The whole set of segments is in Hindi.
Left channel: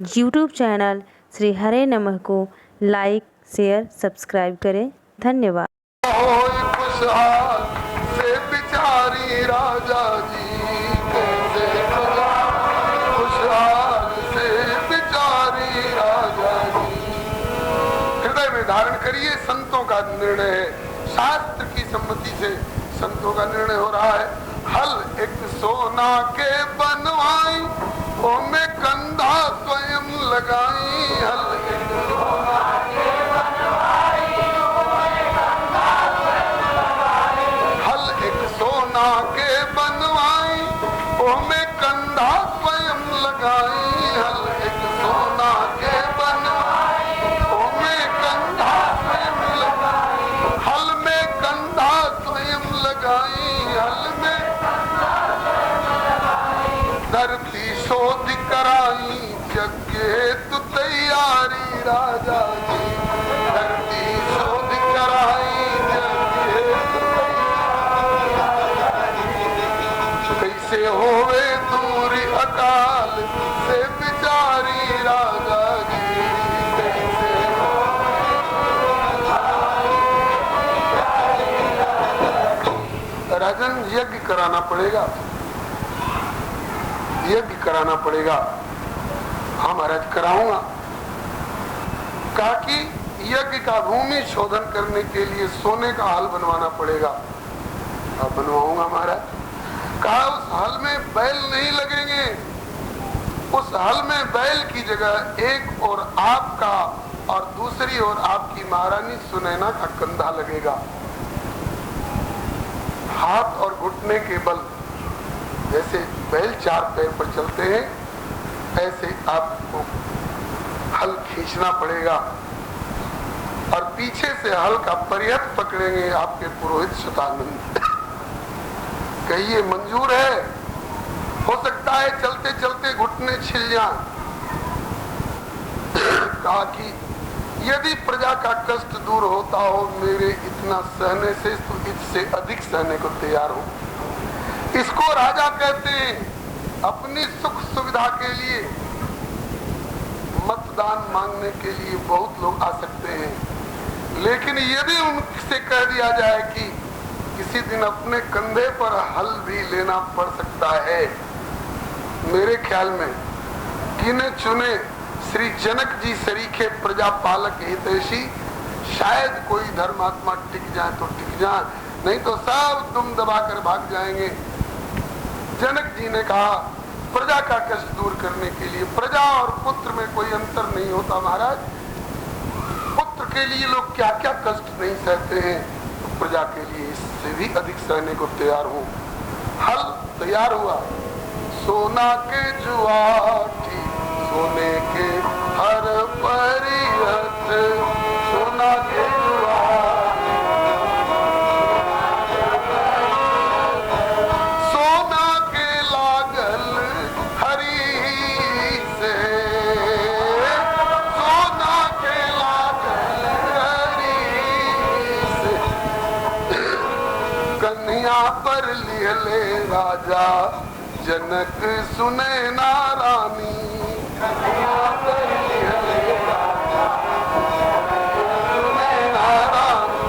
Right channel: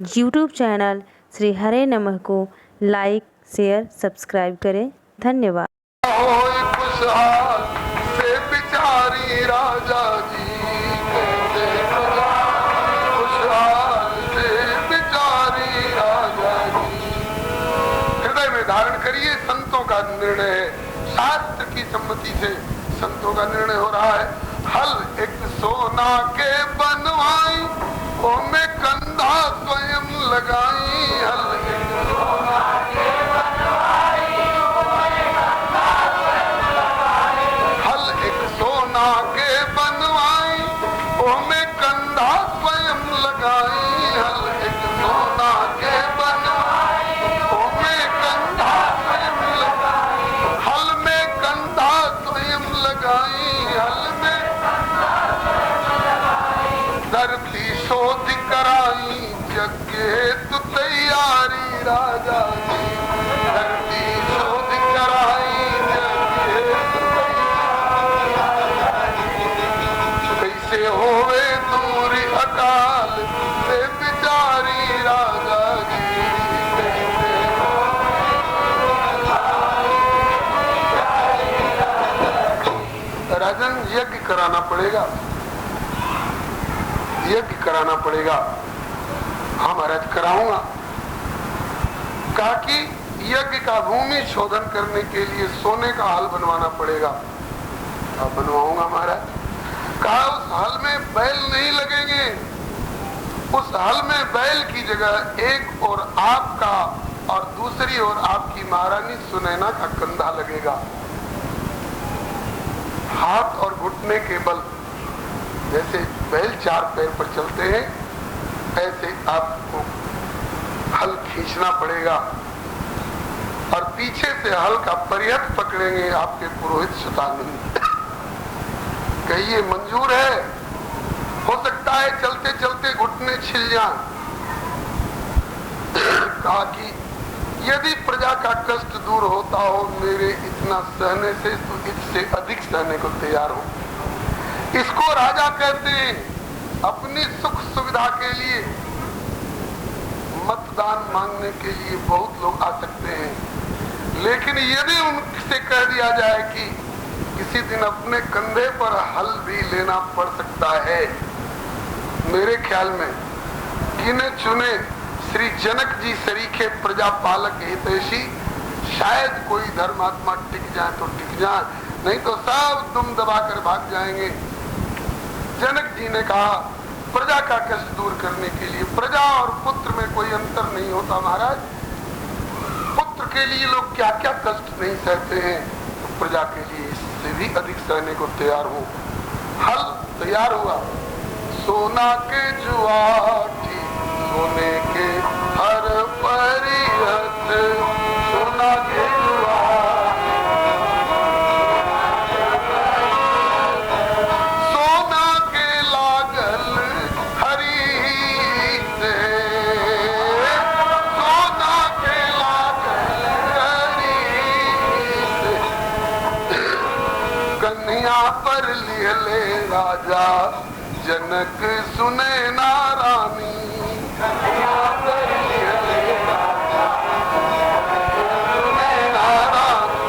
यूट्यूब चैनल श्री हरे नमः को लाइक, शेयर, सब्सक्राइब करें। धन्यवाद। खुशहाल से बिचारी राजा जी, खुशहाल से बिचारी राजा जी। हृदय में धारण करिए, संतों का निर्णय है, शास्त्र की सम्मति से संतों का निर्णय हो रहा है। हल एक सोना के बनवाई, ओमे कंधा स्वयं लगाई। हल एक सोना के बनवाई, ओमे कंधा स्वयं लगाई। हल एक सोना के बनवाई, ओमे कंधा स्वयं लगाई। हल एक सोना के बनवाई, ओमे कंधा स्वयं लगाई। हल में कंधा स्वयं लगाई। हल में धरती शोध कराई, जग हेतु तैयारी राजा जी। धरती शोध कराई, जग हेतु तैयारी। कैसे होवे दूरी अकाल से बिचारी राजा जी। कैसे राजन, यज्ञ कराना पड़ेगा, यज्ञ कराना पड़ेगा। हाँ महाराज, कराऊंगा। कहा कि यज्ञ का भूमि शोधन करने के लिए सोने का हल बनवाना पड़ेगा। अब बनवाऊंगा महाराज। कहा उस हल में बैल नहीं लगेंगे, उस हल में बैल की जगह एक और आपका और दूसरी ओर आपकी महारानी सुनैना का कंधा लगेगा। हाथ और घुटने के बल, जैसे बैल चार पैर पर चलते हैं, ऐसे आपको हल खींचना पड़ेगा और पीछे से हल का परिहत पकड़ेंगे आपके पुरोहित सुतानंद। कहिए मंजूर है? हो सकता है चलते चलते घुटने छिल जाएं। कहा कि यदि प्रजा का कष्ट दूर होता हो मेरे इतना सहने से, तो इससे अधिक सहने को तैयार हो। इसको राजा कहते हैं। अपनी सुख सुविधा के लिए मतदान मांगने के लिए बहुत लोग आ सकते हैं, लेकिन यदि उनसे कह दिया जाए कि किसी दिन अपने कंधे पर हल भी लेना पड़ सकता है, मेरे ख्याल में गिने चुने श्री जनक जी सरीखे प्रजा पालक हितैषी, शायद कोई धर्मात्मा टिक जाए तो टिक जाए, नहीं तो सब दुम दबाकर भाग जाएंगे। जनक जी ने कहा प्रजा का कष्ट दूर करने के लिए, प्रजा और पुत्र में कोई अंतर नहीं होता महाराज। पुत्र के लिए लोग क्या क्या कष्ट नहीं सहते हैं, तो प्रजा के लिए इससे भी अधिक सहने को तैयार हो। हल तैयार हुआ। सोना के जुआटी, सोने के हर परिहत, सोना के जुआटी, सोना के लागल हरी से, सोना के लागल हरी से। कन्हैया पर लिहले राजा जनक सुनैना रानी। कन्हैया पर लिहले राजा सुनैना रानी।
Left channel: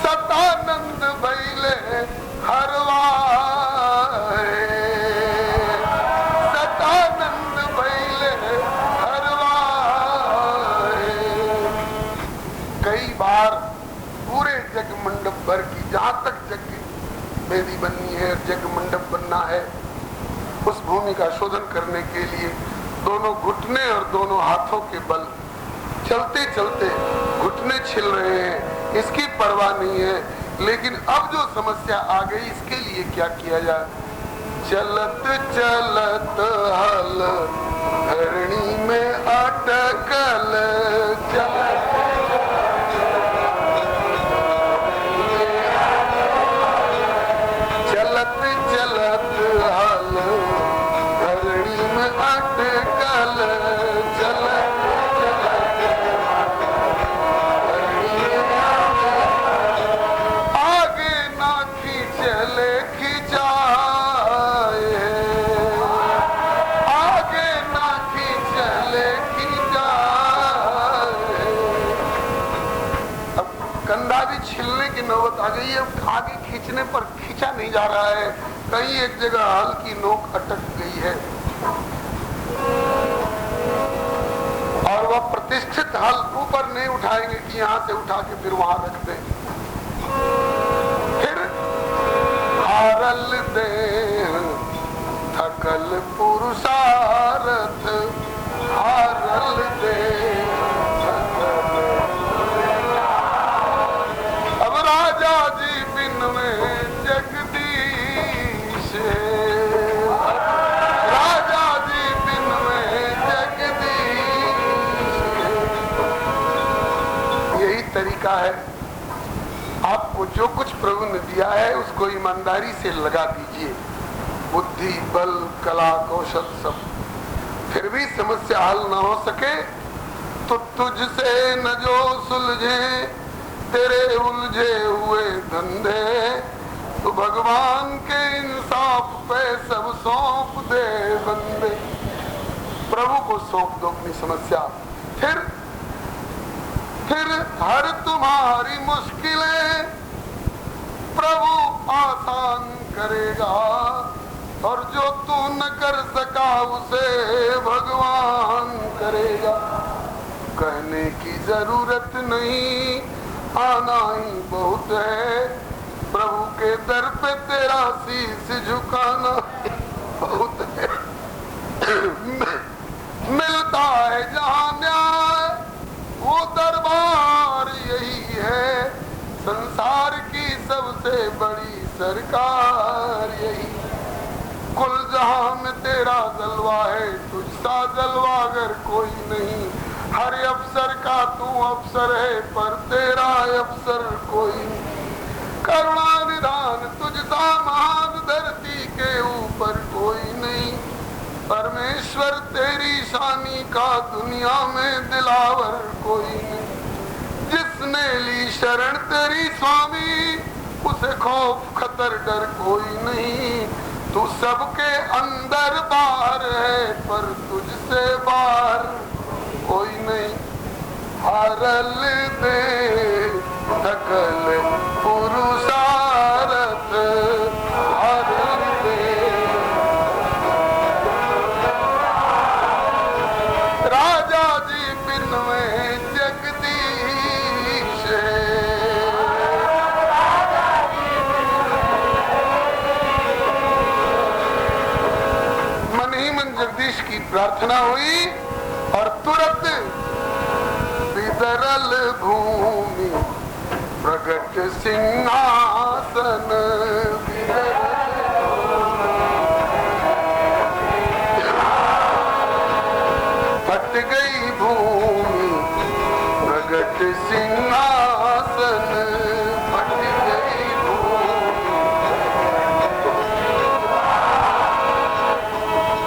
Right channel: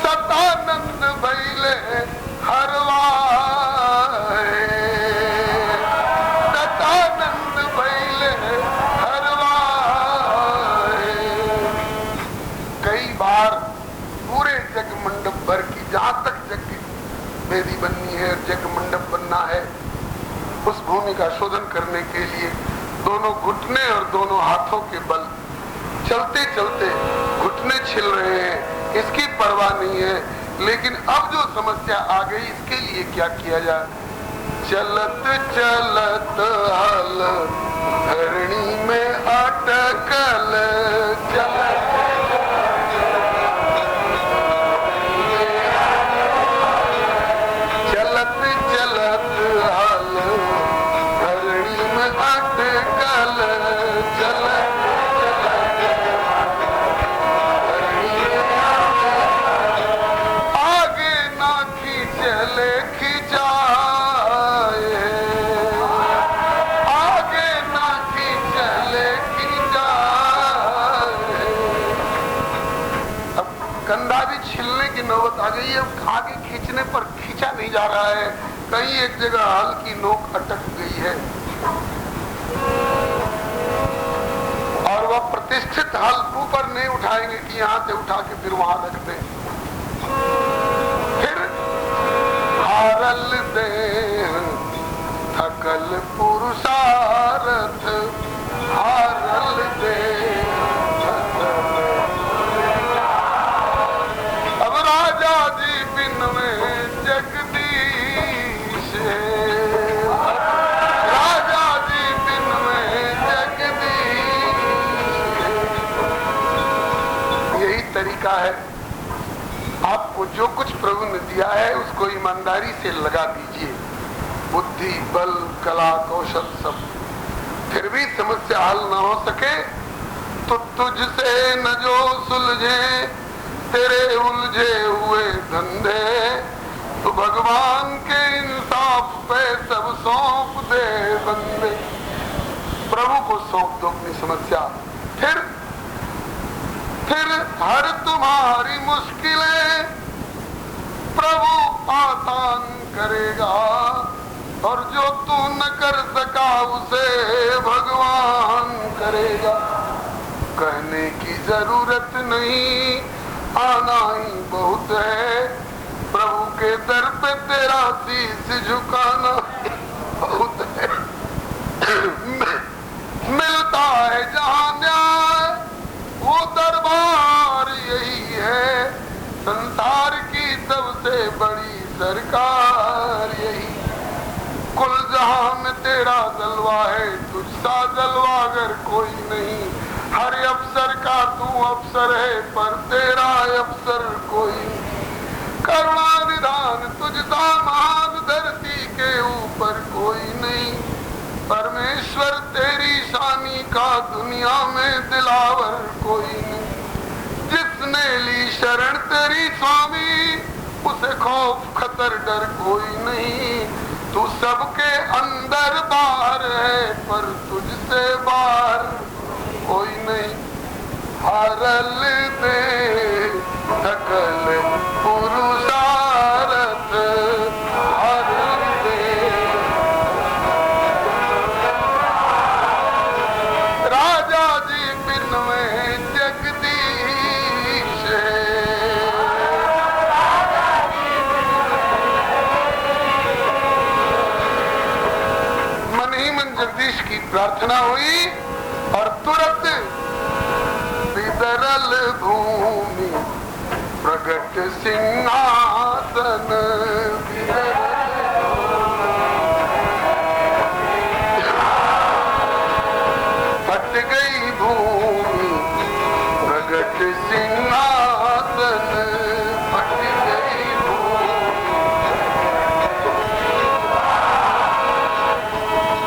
सतानंद भइले हरवाए, सतानंद भइले हरवाए। कई बार पूरे जग मंडप भर की, जहां तक जग की वेदी बननी है, जग मंडप बनना है, उस भूमि का शोधन करने के लिए दोनों घुटने और दोनों हाथों के बल, चलते चलते घुटने छिल रहे हैं, इसकी परवाह नहीं है। लेकिन अब जो समस्या आ गई, इसके लिए क्या किया जाए? चलत चलत हल धरणी में अटकल, चलत चलत चलत हल धरणी में अटकल, चलत आगे ना खींचले खिंचाए, आगे ना खींचले कंधा भी छिलने की नौबत आ गई है। आगे खींचने पर खींचा नहीं जा रहा है, कहीं एक जगह हल की नोक अटक गई है और वह प्रतिष्ठित हल ऊपर नहीं उठाएंगे कि यहां से उठा के फिर वहां रख दे। फिर हारल दे थकल पुरुषार्थ, हारल दे। अब राजा जी बिन में जगदीश, राजा जी बिन में जगदीश। यही तरीका है, आपको जो कुछ प्रभु ने दिया है उसको ईमानदारी से लगा दीजिए, बुद्धि बल कला कौशल सब। फिर भी समस्या हल न हो सके तो तुझसे न जो सुलझे तेरे उलझे हुए धंधे, तो भगवान के इंसाफ पे सब सौंप दे बंदे। प्रभु को सौंप दो अपनी समस्या, फिर हर तुम्हारी मुश्किलें प्रभु आसान करेगा, और जो तू न कर सका उसे भगवान करेगा। कहने की जरूरत नहीं, आना ही बहुत है, प्रभु के दर पे तेरा शीश झुकाना बहुत है। मिलता है जहां न्याय वो दरबार यही है, संसार की सबसे बड़ी सरकार यही। कुल जहां में तेरा जलवा है, तुझसा जलवा अगर कोई नहीं। हर अफसर का तू अफसर है, पर तेरा अफसर कोई नहीं। करुणा निधान तुझसा महान धरती के ऊपर कोई नहीं। परमेश्वर तेरी शानी का दुनिया में दिलावर कोई नहीं। जिसने ली शरण तेरी स्वामी, उसे खौफ खतर डर कोई नहीं। तू सबके अंदर बाहर है, पर तुझसे बाहर कोई नहीं। हारल दे थकल पुरुषार्थ, हारल दे। राजा जी बिन में जगदीश, मन ही मन जगदीश की प्रार्थना हुई और तुरंत विदरल भूमि प्रगट सिंहासन, हट गई भूमि प्रगट सिंहासन, हट गई भूमि।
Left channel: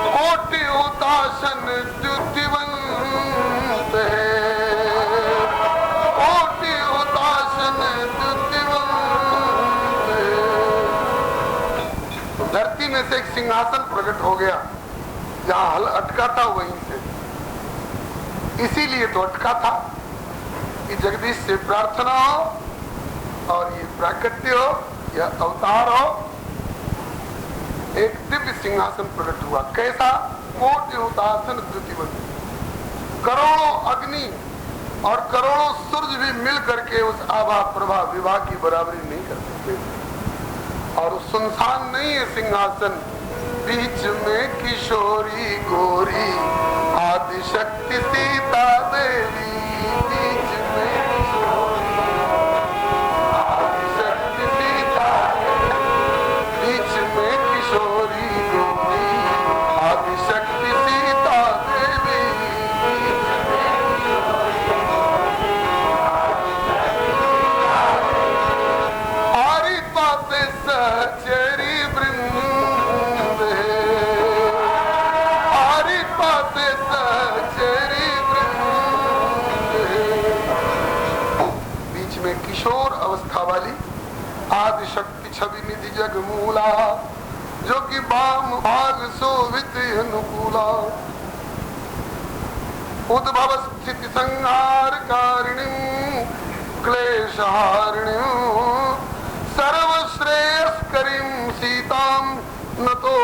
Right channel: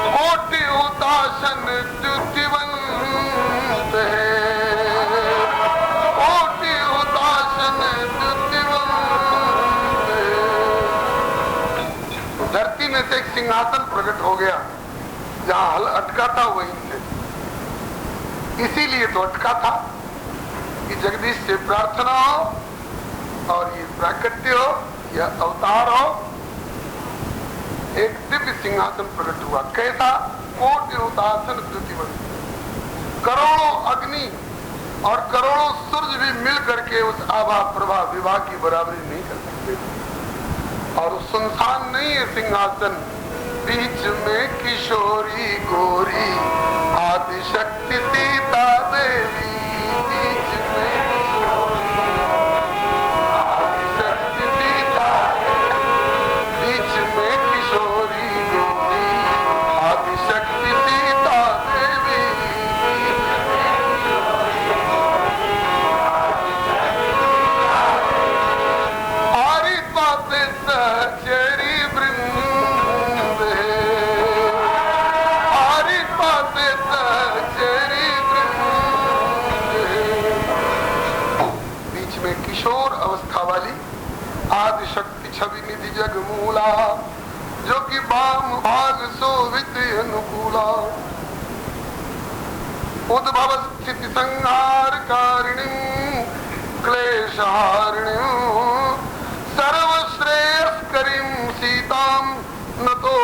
कोटि उदासन द्युतिवंत है, कोटि उदासन द्युतिवंत है। धरती में से एक सिंहासन प्रकट हो गया, जहां हल अटका था वहीं से। इसीलिए तो अटका था कि जगदीश से प्रार्थना हो और ये प्राकट्य हो, यह अवतार हो। एक दिव्य सिंहासन प्रकट हुआ, कैसा? कोटि उदासन द्युतिवंत। करोड़ों अग्नि और करोड़ों सूरज भी मिल करके उस आभा प्रभा विवाह की बराबरी नहीं कर सकते। और सुनसान नहीं है सिंहासन, बीच में किशोरी गोरी आदिशक्ति सीता देवी। बीच में आदिशक्ति सीता देवी, बीच में किशोरी गोरी आदिशक्ति सीता देवी। आरी पासे सहचरी वृंद, आरी पासे सहचरी वृंद। बीच में किशोर अवस्था वाली आदिशक्ति छवि निधि जगमूला, जो कि वाम भाग शोभित अनुकूला। उद्भव स्थिति संहार कारिणी क्लेशहारिणीं सर्वश्रेयस्करीं सीतां नतो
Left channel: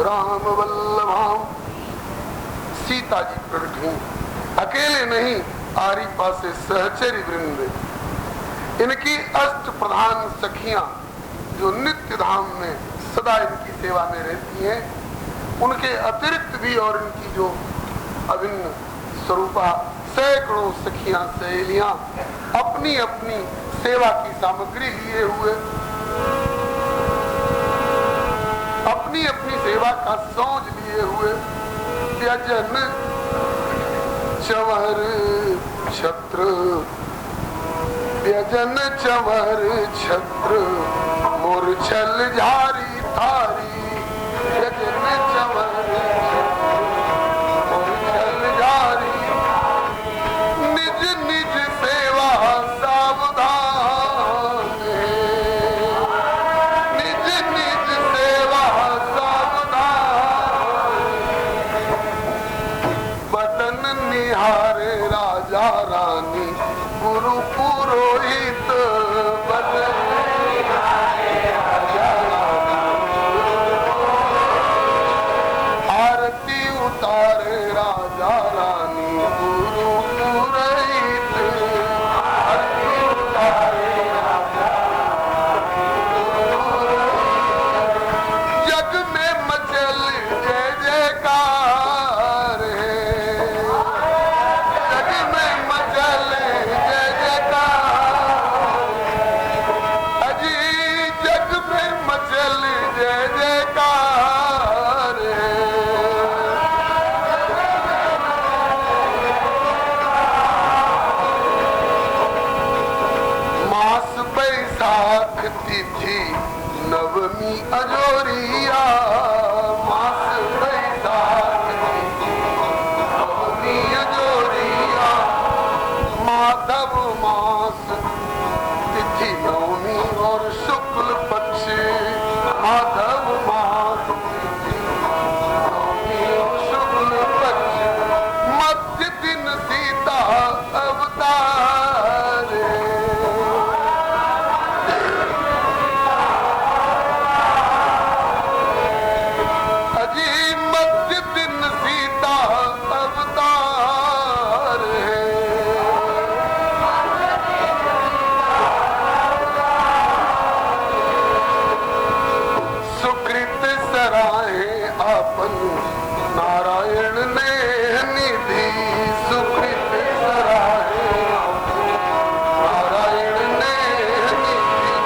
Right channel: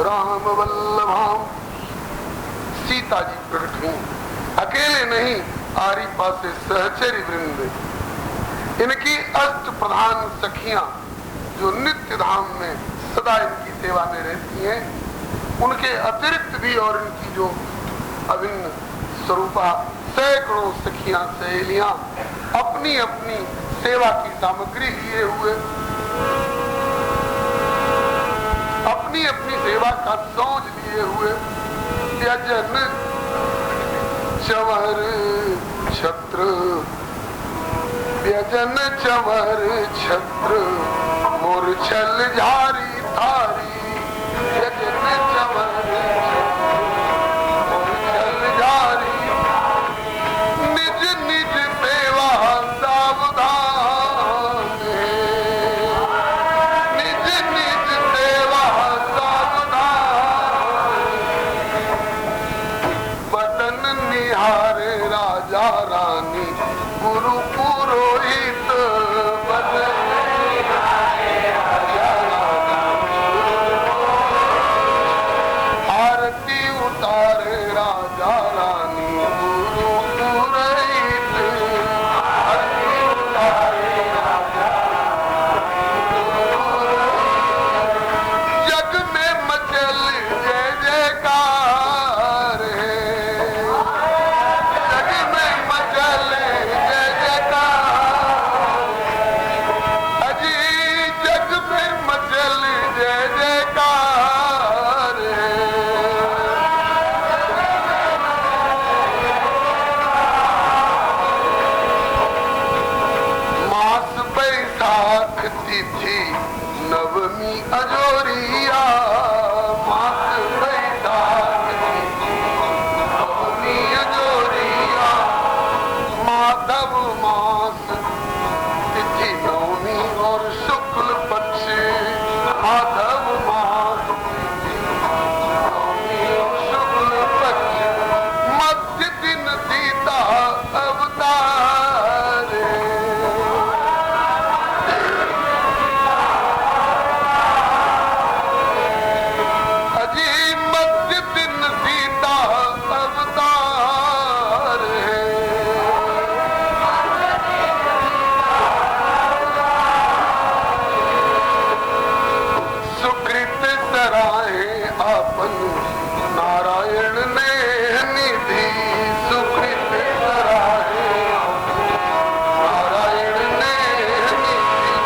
राम वल्लभाम। सीता जी प्रकट हुई, अकेले नहीं, आरी पासे सहचरी वृंद, इनकी अष्ट प्रधान सखियां जो नित्य धाम में सदा इनकी सेवा में रहती हैं, उनके अतिरिक्त भी और इनकी जो अभिन्न स्वरूपा सैकड़ों सखियां सहेलियां अपनी अपनी सेवा की सामग्री लिए हुए अपनी अपनी सेवा का सोच लिए हुए व्यजन चंवर छत्र, व्यजन चंवर छत्र मूर्छल झारी थारी, व्यजन चंवर छत्र मूर्छल झारी, निज निज सेवा सावधान है, निज निज सेवा सावधान, बदन निहारे राजा रानी गुरु पुरोहित, बदन निहारे राजा रानी आरती उतारे राजा रानी गुरु पुरोहित, आरती उतारे राजा जग में मचल जय जयकार है, जग में मचल जय जयकार, अजी जग में मचल जय जयकार है। मास बैसाख तिथि नवमी अजोरिया, मास बैसाख तिथि नवमी अजोरिया, माधव मास तिथि नवमी और शुक्ल पक्ष, माधव मास तिथि नवमी और शुक्ल पक्ष, मध्य दिन सीता अवतार है। अजी मध्य दिन सीता अवतार है। सुकृत सराहे अपन नारायण ने निधि, सुकृत सराहे नारायण ने निधि,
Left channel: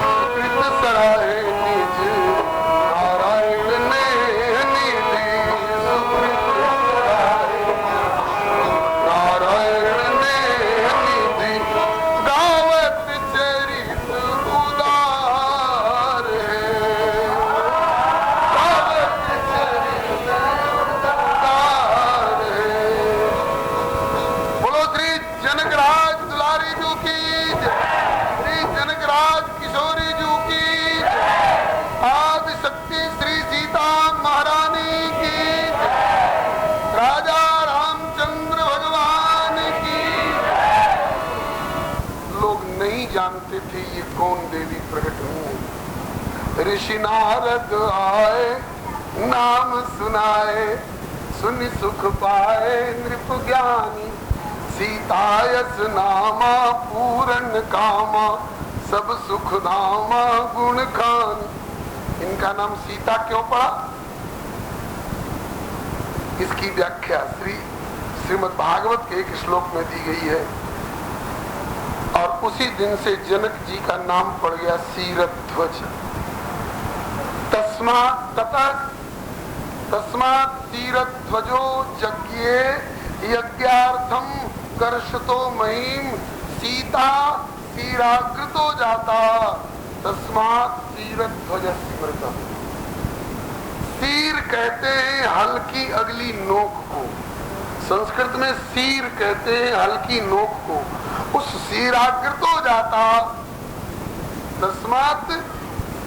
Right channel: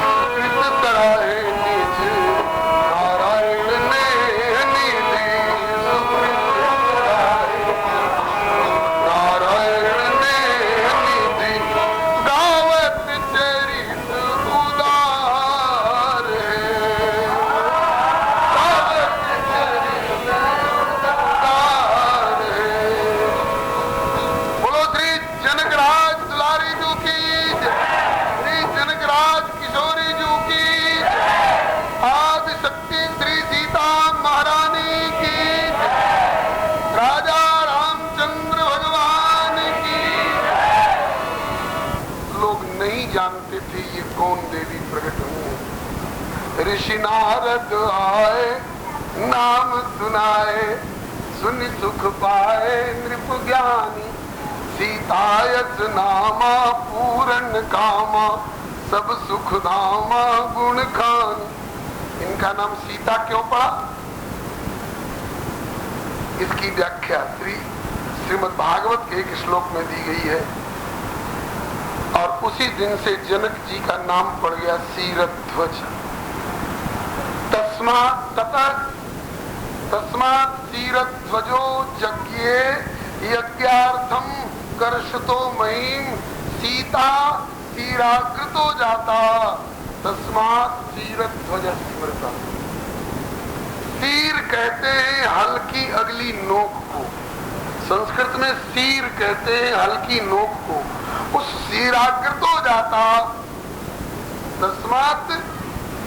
सुकृत सराहे निज नारायण ने निधि, सुकृत सराहे नारायण ने निधि, गावत चरित उदार है, गावत चरित उदार है। बोलो श्री जनकराज दुलारी जू की जय, श्री जनकराज किशोरी जू की जय, आदि शक्ति श्री सीता महारानी की जय, राजा रामचंद्र भगवान की जय। लोग नहीं जानते थे ये कौन देवी प्रकट हुई है। ऋषि नारद आए नाम सुनाए, सुनि सुख पाए नृप ज्ञानी, सीतायस नामा पूरन कामा, सब सुख धामा गुण खान। इनका नाम सीता क्यों पड़ा, इसकी व्याख्या श्रीमद् भागवत के एक श्लोक में दी गई है। और उसी दिन से जनक जी का नाम पड़ गया सीरध्वज। तस्मात् सीरध्वजो यज्ञे यज्ञार्थम कर्षतो महिम, सीता सीराकृतो जाता, तस्मात् सीरध्वज स्मृता। सीर कहते हैं हल्की अगली नोक को, संस्कृत में सीर कहते हैं हल्की नोक को। उस सीराकृतो जाता तस्मात्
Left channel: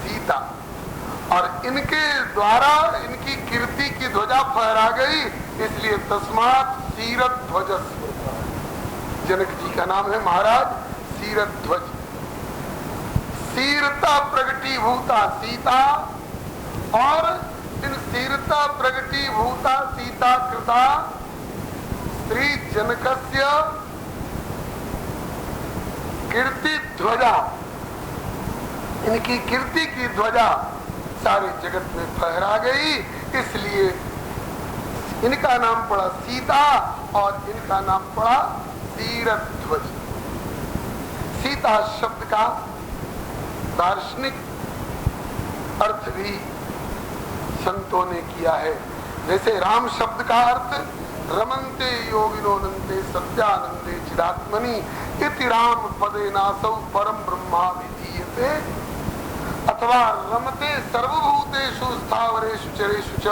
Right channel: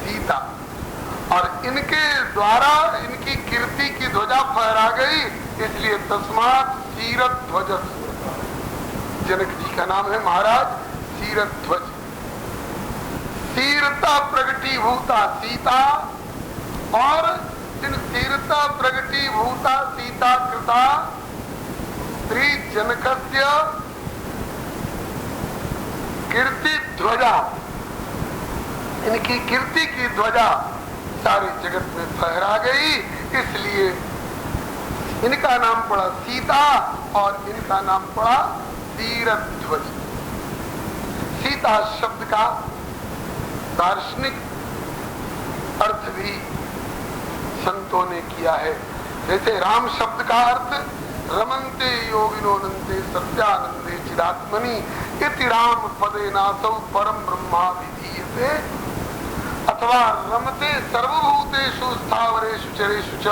सीता, और इनके द्वारा इनकी कीर्ति की ध्वजा फहरा गई, इसलिए तस्मात् सीरध्वज स्मृता। जनक जी का नाम है महाराज सीरध्वज। सीरता प्रगटी भूता सीता, और इन सीरता प्रगटी भूता सीता कृता स्त्री जनकस्य कीर्ति ध्वजा, इनकी कीर्ति की ध्वजा सारे जगत में फहरा गई, इसलिए इनका नाम पड़ा सीता और इनका नाम पड़ा सीरध्वज। सीता शब्द का दार्शनिक अर्थ भी संतों ने किया है। जैसे राम शब्द का अर्थ रमन्ते योगिनोनन्ते सत्यानंदे चिदात्मनि इति राम पदे नासौ परम ब्रह्मा विधीयते, अथवा रमते सर्वभूतेषु स्थावरेषु चरेषु च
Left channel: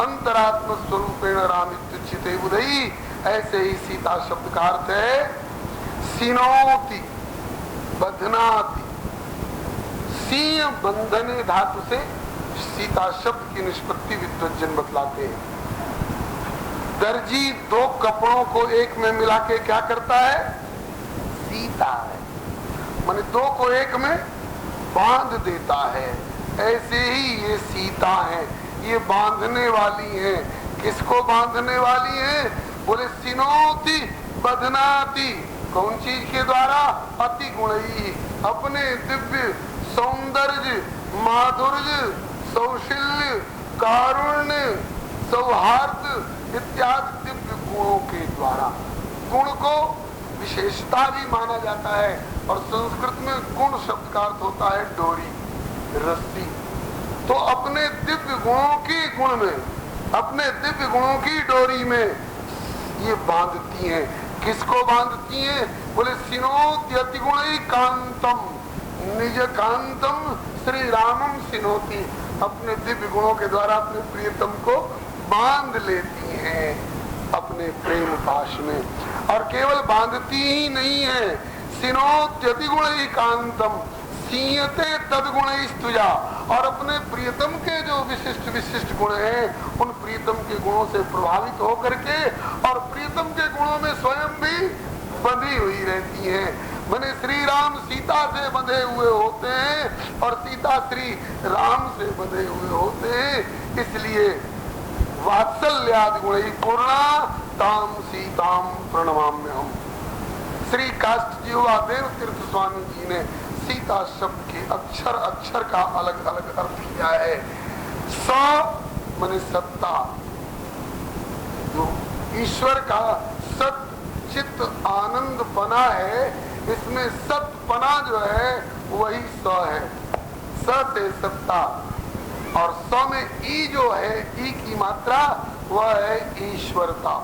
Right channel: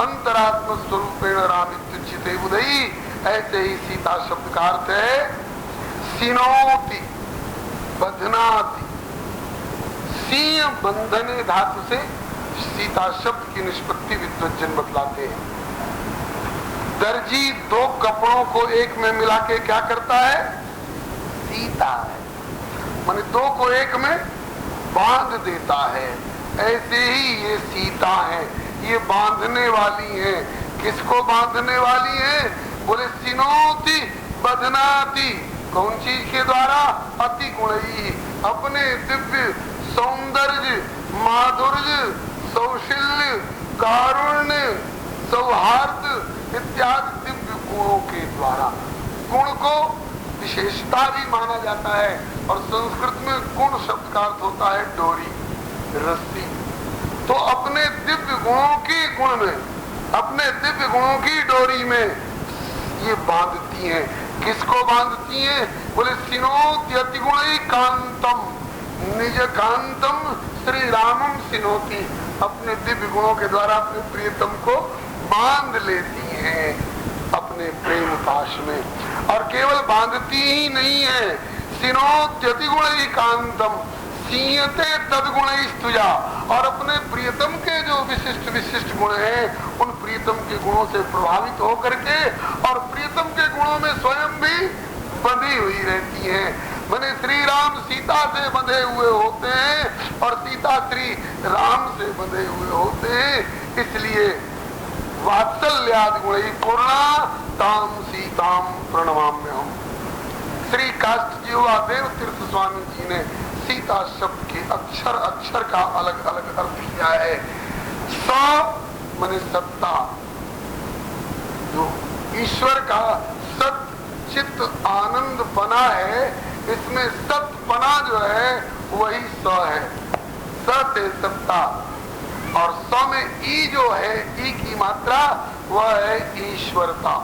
अंतरात्म स्वरूपेण रामित्युच्यते बुधई। ऐसे ही सीता शब्द का अर्थ है सिनोति, बधनाति। सिंह बंधने धातु से सीता शब्द की निष्पत्ति विद्वज्जन बतलाते हैं। दर्जी दो कपड़ों को एक में मिला के क्या करता है? सीता है, माने दो को एक में बांध देता है। ऐसे ही ये सीता है, ये बांधने वाली है। किसको बांधने वाली है? बोले सिनोति बधनाति। कौन चीज के द्वारा? अति गुणई, अपने दिव्य सौंदर्य, माधुर्य, सौशील्य, कारुण्य, सौहार्द इत्यादि दिव्य गुणों के द्वारा। गुण को विशेषता भी माना जाता है, और संस्कृत में गुण शब्द का अर्थ होता है डोरी, रस्सी। तो अपने दिव्य गुणों की गुण में, अपने दिव्य गुणों की डोरी में ये बांधती हैं। किसको बांधती हैं? बोले सिनोत्यति गुणई कांतम निज कांतम श्री रामम सिनोती। अपने दिव्य गुणों के द्वारा अपने प्रियतम को बांध लेती हैं अपने प्रेम पाश में। और केवल बांधती ही नहीं है, सिनोत्यति गुणई कांतम सीयते तदगुण स्तुजा। और अपने प्रियतम के जो विशिष्ट विशिष्ट गुण हैं, उन प्रियतम के गुणों से प्रभावित होकर के और प्रियतम के गुणों में स्वयं भी बंधी हुई रहती हैं। माने श्री राम सीता से बंधे हुए होते हैं और सीता श्री राम से बंधे हुए होते हैं। इसलिए वात्सल्यादि गुणै पूर्णा ताम सीताम प्रणमाम्यहम्। श्री काष्ठजीवा देव तीर्थ स्वामी जी ने सीता शब्द के अक्षर अक्षर का अलग अलग अर्थ किया है। स माने सत्ता, जो ईश्वर का सत चित्त आनंद पना है, इसमें सत पना जो है वही स है। स से सत्ता, और स में ई जो है, ई की मात्रा वह है ईश्वरता।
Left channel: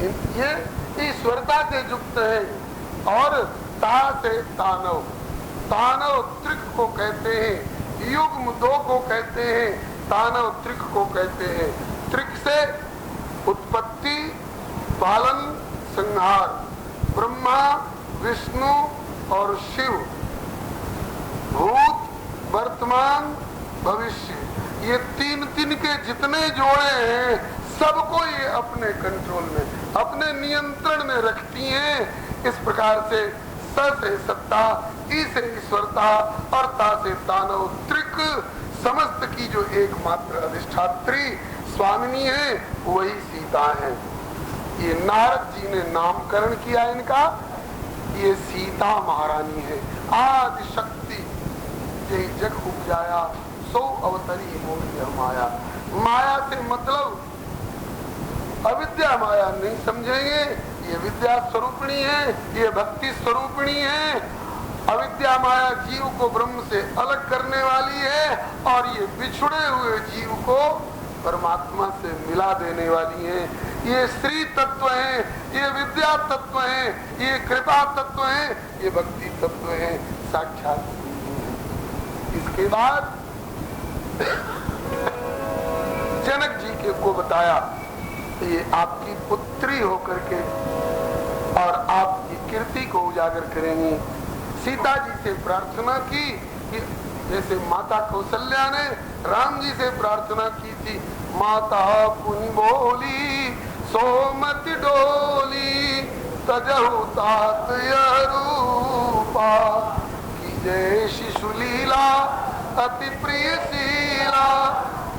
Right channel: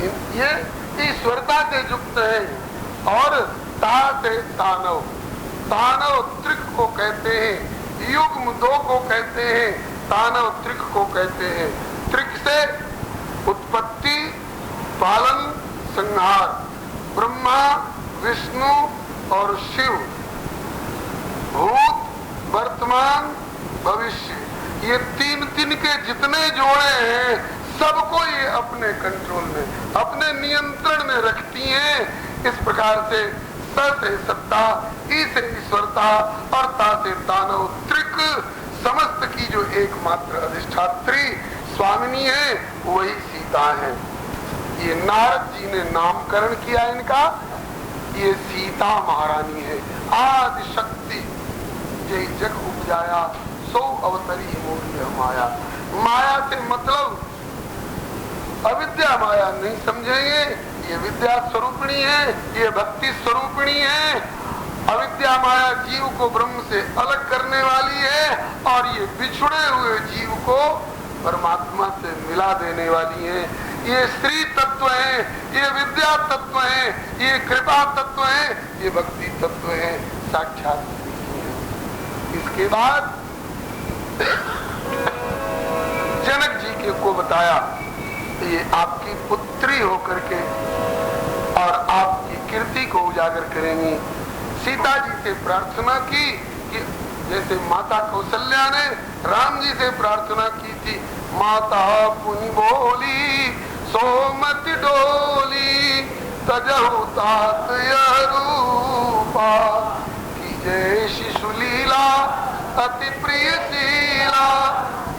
ये ईश्वरता से युक्त है। और ता से तानव, तानव त्रिक को कहते हैं, युग्म दो को कहते हैं, तानव त्रिक को कहते हैं। त्रिक से उत्पत्ति, पालन, संहार, ब्रह्मा, विष्णु और शिव, भूत, वर्तमान, भविष्य, ये तीन तीन के जितने जोड़े हैं सबको ये अपने कंट्रोल में, अपने नियंत्रण में रखती हैं। इस प्रकार से स से सत्ता, ई से ईश्वरता और ता से दानव त्रिक समस्त की जो एकमात्र अधिष्ठात्री स्वामिनी है वही सीता है। ये नारद जी ने नामकरण किया इनका, ये सीता महारानी है। आदि शक्ति ये जग उपजाया सो अवतरी मोरी माया। माया से मतलब अविद्या माया नहीं समझेंगे, ये विद्या स्वरूपिणी है, ये भक्ति स्वरूपिणी है। अविद्या माया जीव को ब्रह्म से अलग करने वाली है, और ये बिछुड़े हुए जीव को परमात्मा से मिला देने वाली है। ये श्री तत्व है, ये विद्या तत्व है, ये कृपा तत्व है, ये भक्ति तत्व है, साक्षात है। इसके बाद जनक जी के को बताया, ये आपकी पुत्री होकर के और आपकी कीर्ति को उजागर करेंगी। सीता जी से प्रार्थना की कि जैसे माता कौशल्या ने राम जी से प्रार्थना की थी, माता पुनि बोली सोमति डोली तजहु तात रूपा जय शिशु लीला अति प्रिय शीला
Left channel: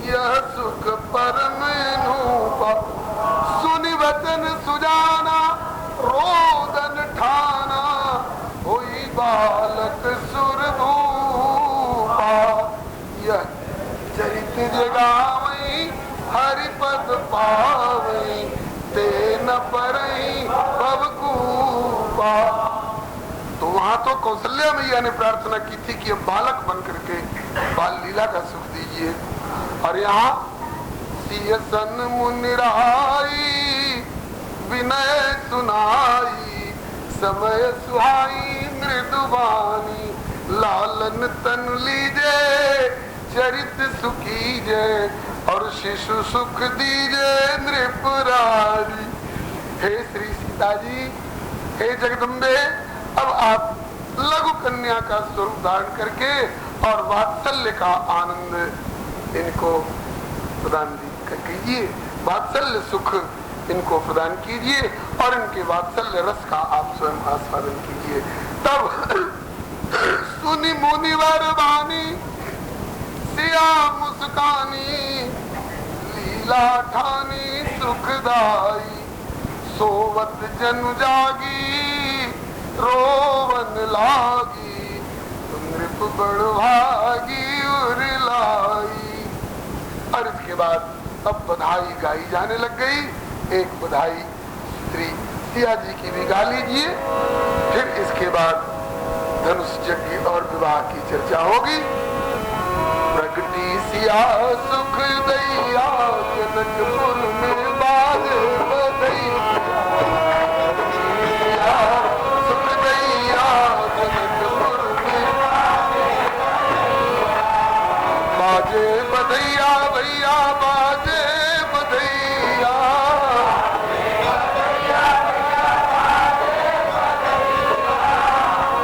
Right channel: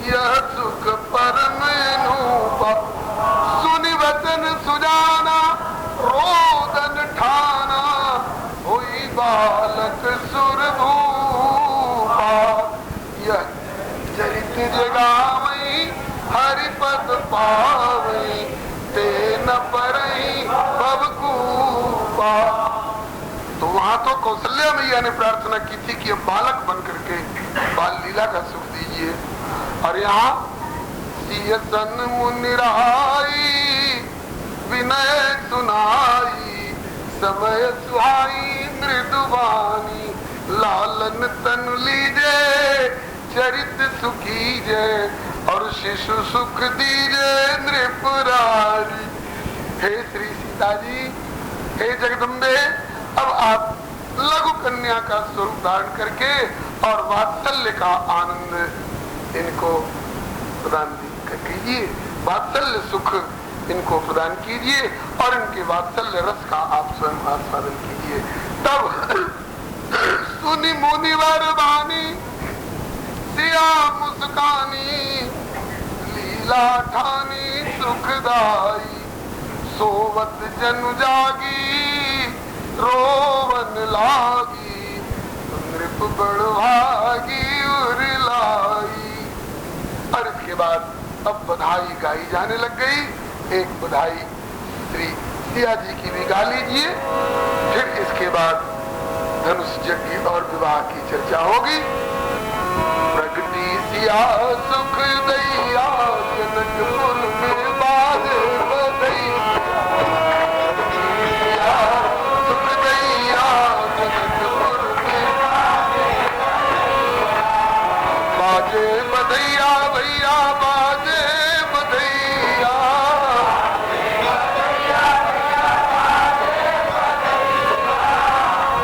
यह सुख परम नूपा सुनि वचन सुजाना रोदन ठाना होई बालक सुरभूपा यह चरित जगावई हरिपद पावई ते न परई बबकूपा। तो वहां तो कौशल्या मैया ने प्रार्थना की थी कि बालक बन करके बाल लीला का सुख दीजिए, और यहाँ सियसन मुनिराई विनय सुनाई समय सुहाई मृदुबानी लालन तन लीजे चरित सुखीजे और शिशु सुख दीजे नृपरारी। हे श्री सीता जी, हे जगदम्बे, अब आप लघु कन्या का स्वरूप धारण करके और वात्सल्य का आनंद इनको प्रदान कीजिए, वात्सल्य सुख इनको प्रदान कीजिए और इनके वात्सल्य रस का आप स्वयं आस्वादन कीजिए। तब सुनि मुनिवर वाणी सिया मुस्कानी लीला ठानी सुखदाई सोवत जनु जागी रोवन लागी नृप बड़भागी उरलाई। और इसके बाद अब बधाई गाई जाने लग गई। एक बधाई श्री सिया जी की भी गा लीजिए, फिर इसके बाद धनुष यज्ञ और विवाह की चर्चा होगी। प्रगति सिया सुख दैया जनकपुर में बाज बधैया सुख दैया जनकपुर में बाजे बधैया भैया बाजे बधैया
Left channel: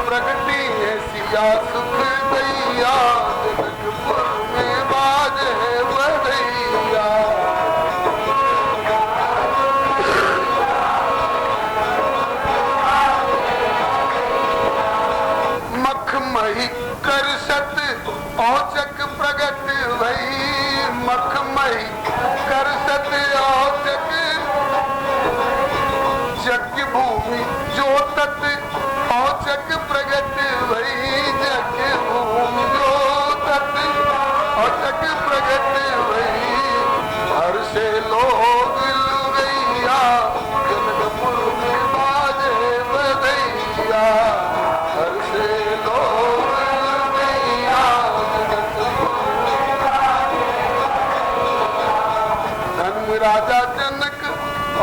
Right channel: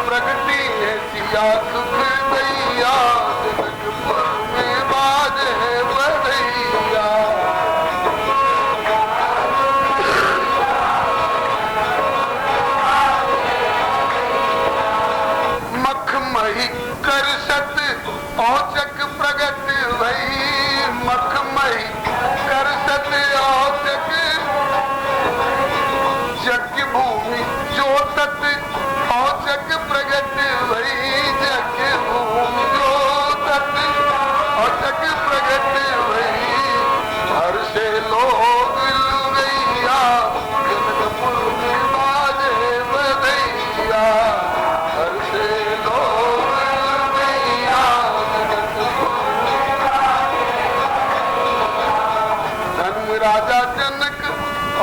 प्रगति है सिया सुख दैया जनकपुर में बाजे बधैया। मखमही करसत औचक प्रगट भई मखमही करसत औचक यज्ञ भूमि जोतत औचक प्रगट भई यज्ञ भूमि जोतत औचक प्रगट भई हर से लोग लुगैया जनकपुर में बाजे बधैया हर से लोग लुगैया जनकपुर में धन्य राजा जनक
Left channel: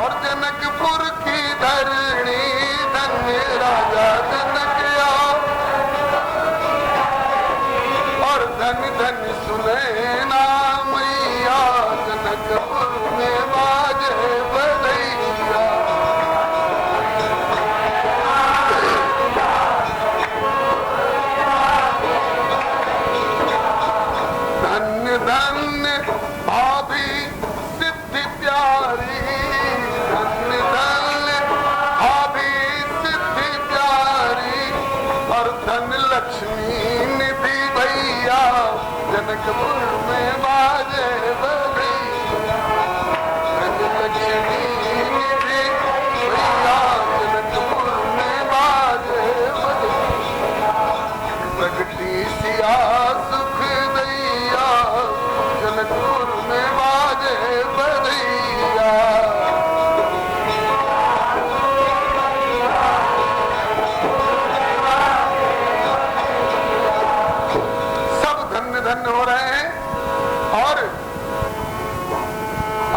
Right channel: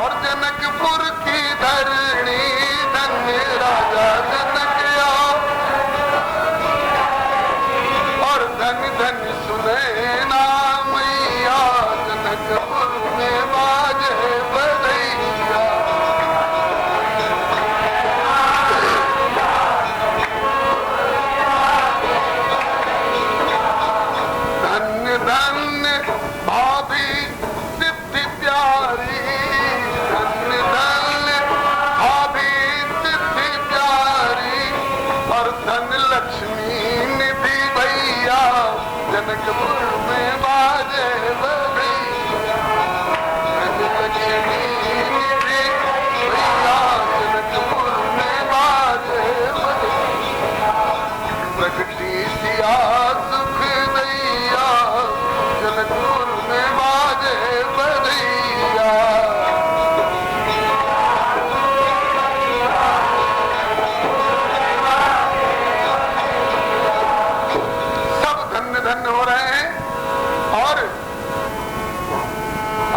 और जनकपुर की धरणी धन्य राजा जनक और धन धन सुने नाम मैया जनकपुर में बाजे बधैया। धन्य धन्य भाभी सिद्धि प्यारी धन्य धन्य भाभी सिद्धि प्यारी और धन लक्ष्मी निधि भैया जनकपुर में बाजे बधैया धन लक्ष्मी निधि भैया जनकपुर में बाजे बधैया। प्रगति सिया सुख दैया जनकपुर में बाजे बधैया। सब धन्य धन्य हो रहे हैं और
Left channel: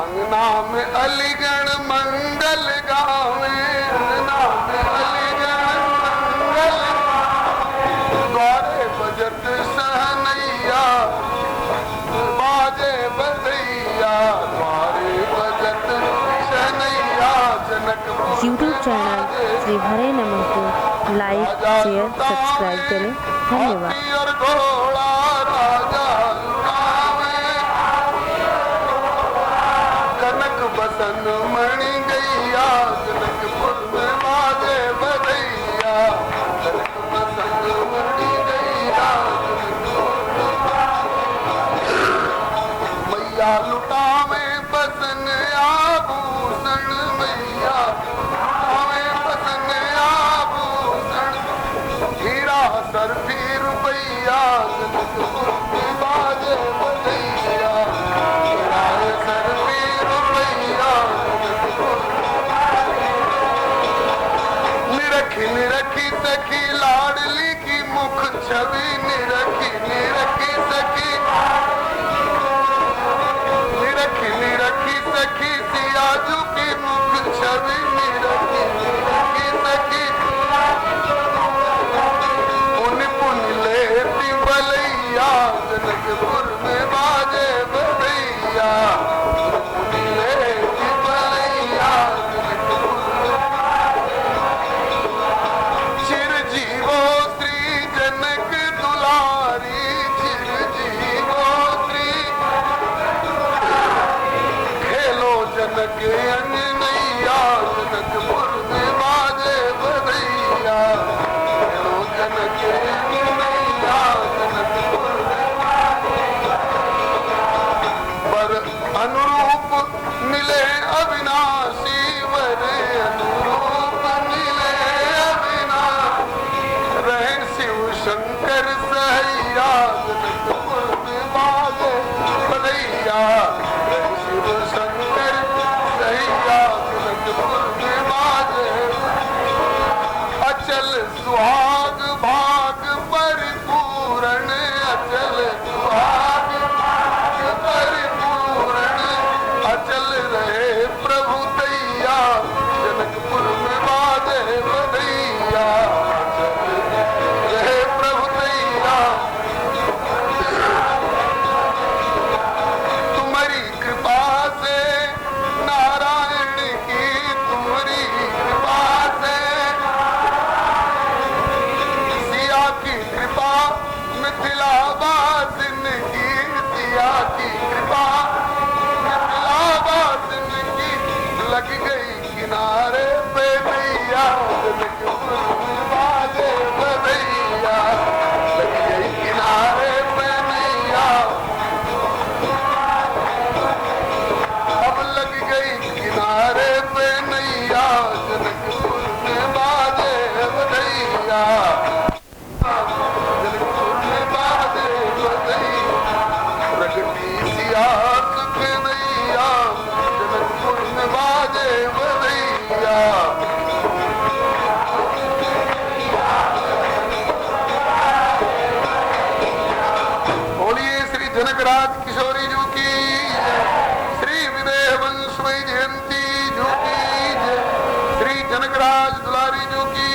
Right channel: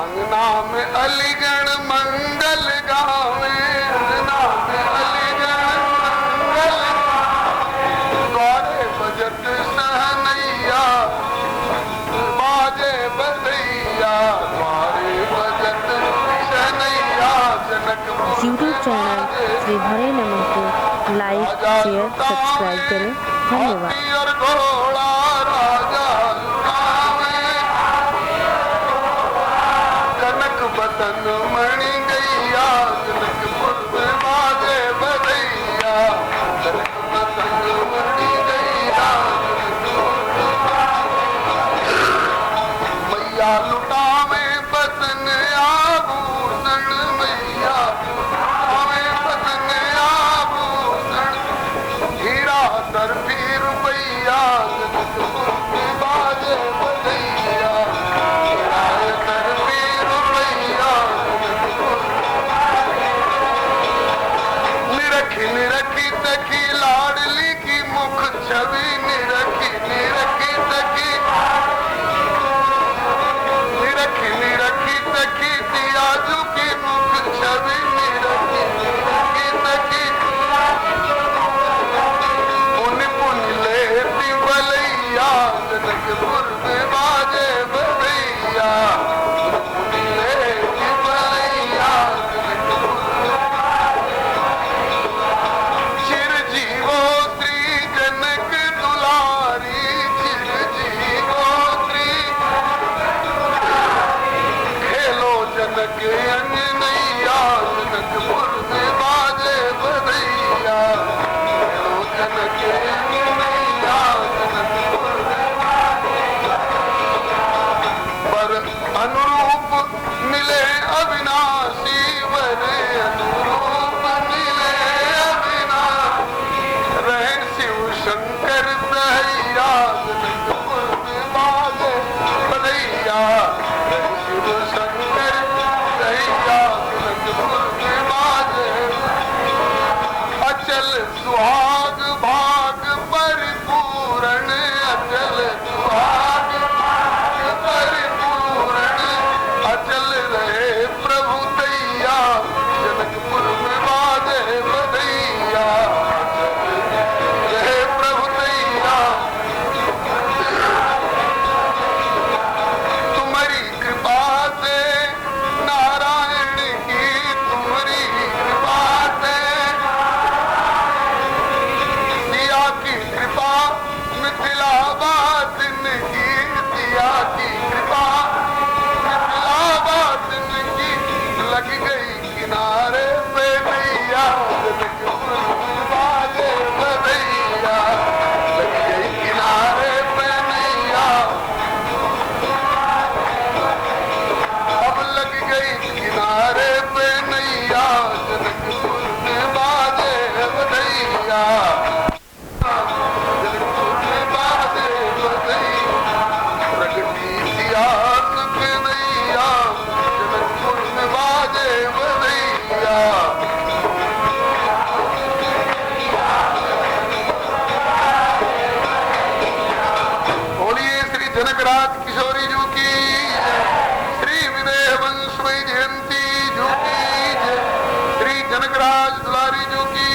अंगना में अलीगढ़ मंगल गावे अंगना में अलीगढ़ मंगल द्वारे बजत सहनैया बाजे बधैया द्वारे बजत सहनैया जनकपुर। यूट्यूब चैनल श्री हरे नमः को लाइक शेयर सब्सक्राइब करें। धन्यवाद। और घोड़ा राजा लुटावे कनक बसन मणि गैया जनकपुर में बाजे निरखी सखी लाडली की मुख छवि निरखी निरखी सखी निरखी सखी सियाजू की मुख छवि निरखी निरखी सखी पुन पुन लेती बलैया जनकपुर में बाजे बलैया पुन लेती बलैया जनकपुर चिरजीवो श्री जनक दुलारी चिरजीवो श्री खेलो जनक अंगनैया जनकपुर में बाजे बधैया खेलो जनक अंगनैया जनकपुर में पर अनुरूप मिले अविनाशी वर अनुरूप मिले अविनाशी रहे शिव शंकर सहैया जनकपुर में बाजे बधैया रहे शिव शंकर सहैया जनकपुर में बाजे अचल सुहाग भाग परिपूर्ण अचल सुहाग भाग परिपूर्ण अचल रहे प्रभु दैया जनकपुर में बाजे बधैया अचल रहे प्रभु दैया तुम्हारी कृपा से नारायण की तुम्हारी कृपा से सिया की कृपा मिथिलावासिन की सिया की कृपा मिथिलावासिन की लग गई किनारे पे नैया जनकपुर में बाजे बधैया लग गई किनारे पे नैया अब लग गई किनारे पे नैया जनकपुर में बाजे बधैया जनकपुर में बाजे बधैया प्रगति सिया सुख नैया जनकपुर में बाजे बधैया बोलिए श्री जनकराज किशोरी जी की श्री विदेह वंश जयंती जी की जय श्री जनकराज दुलारी जी की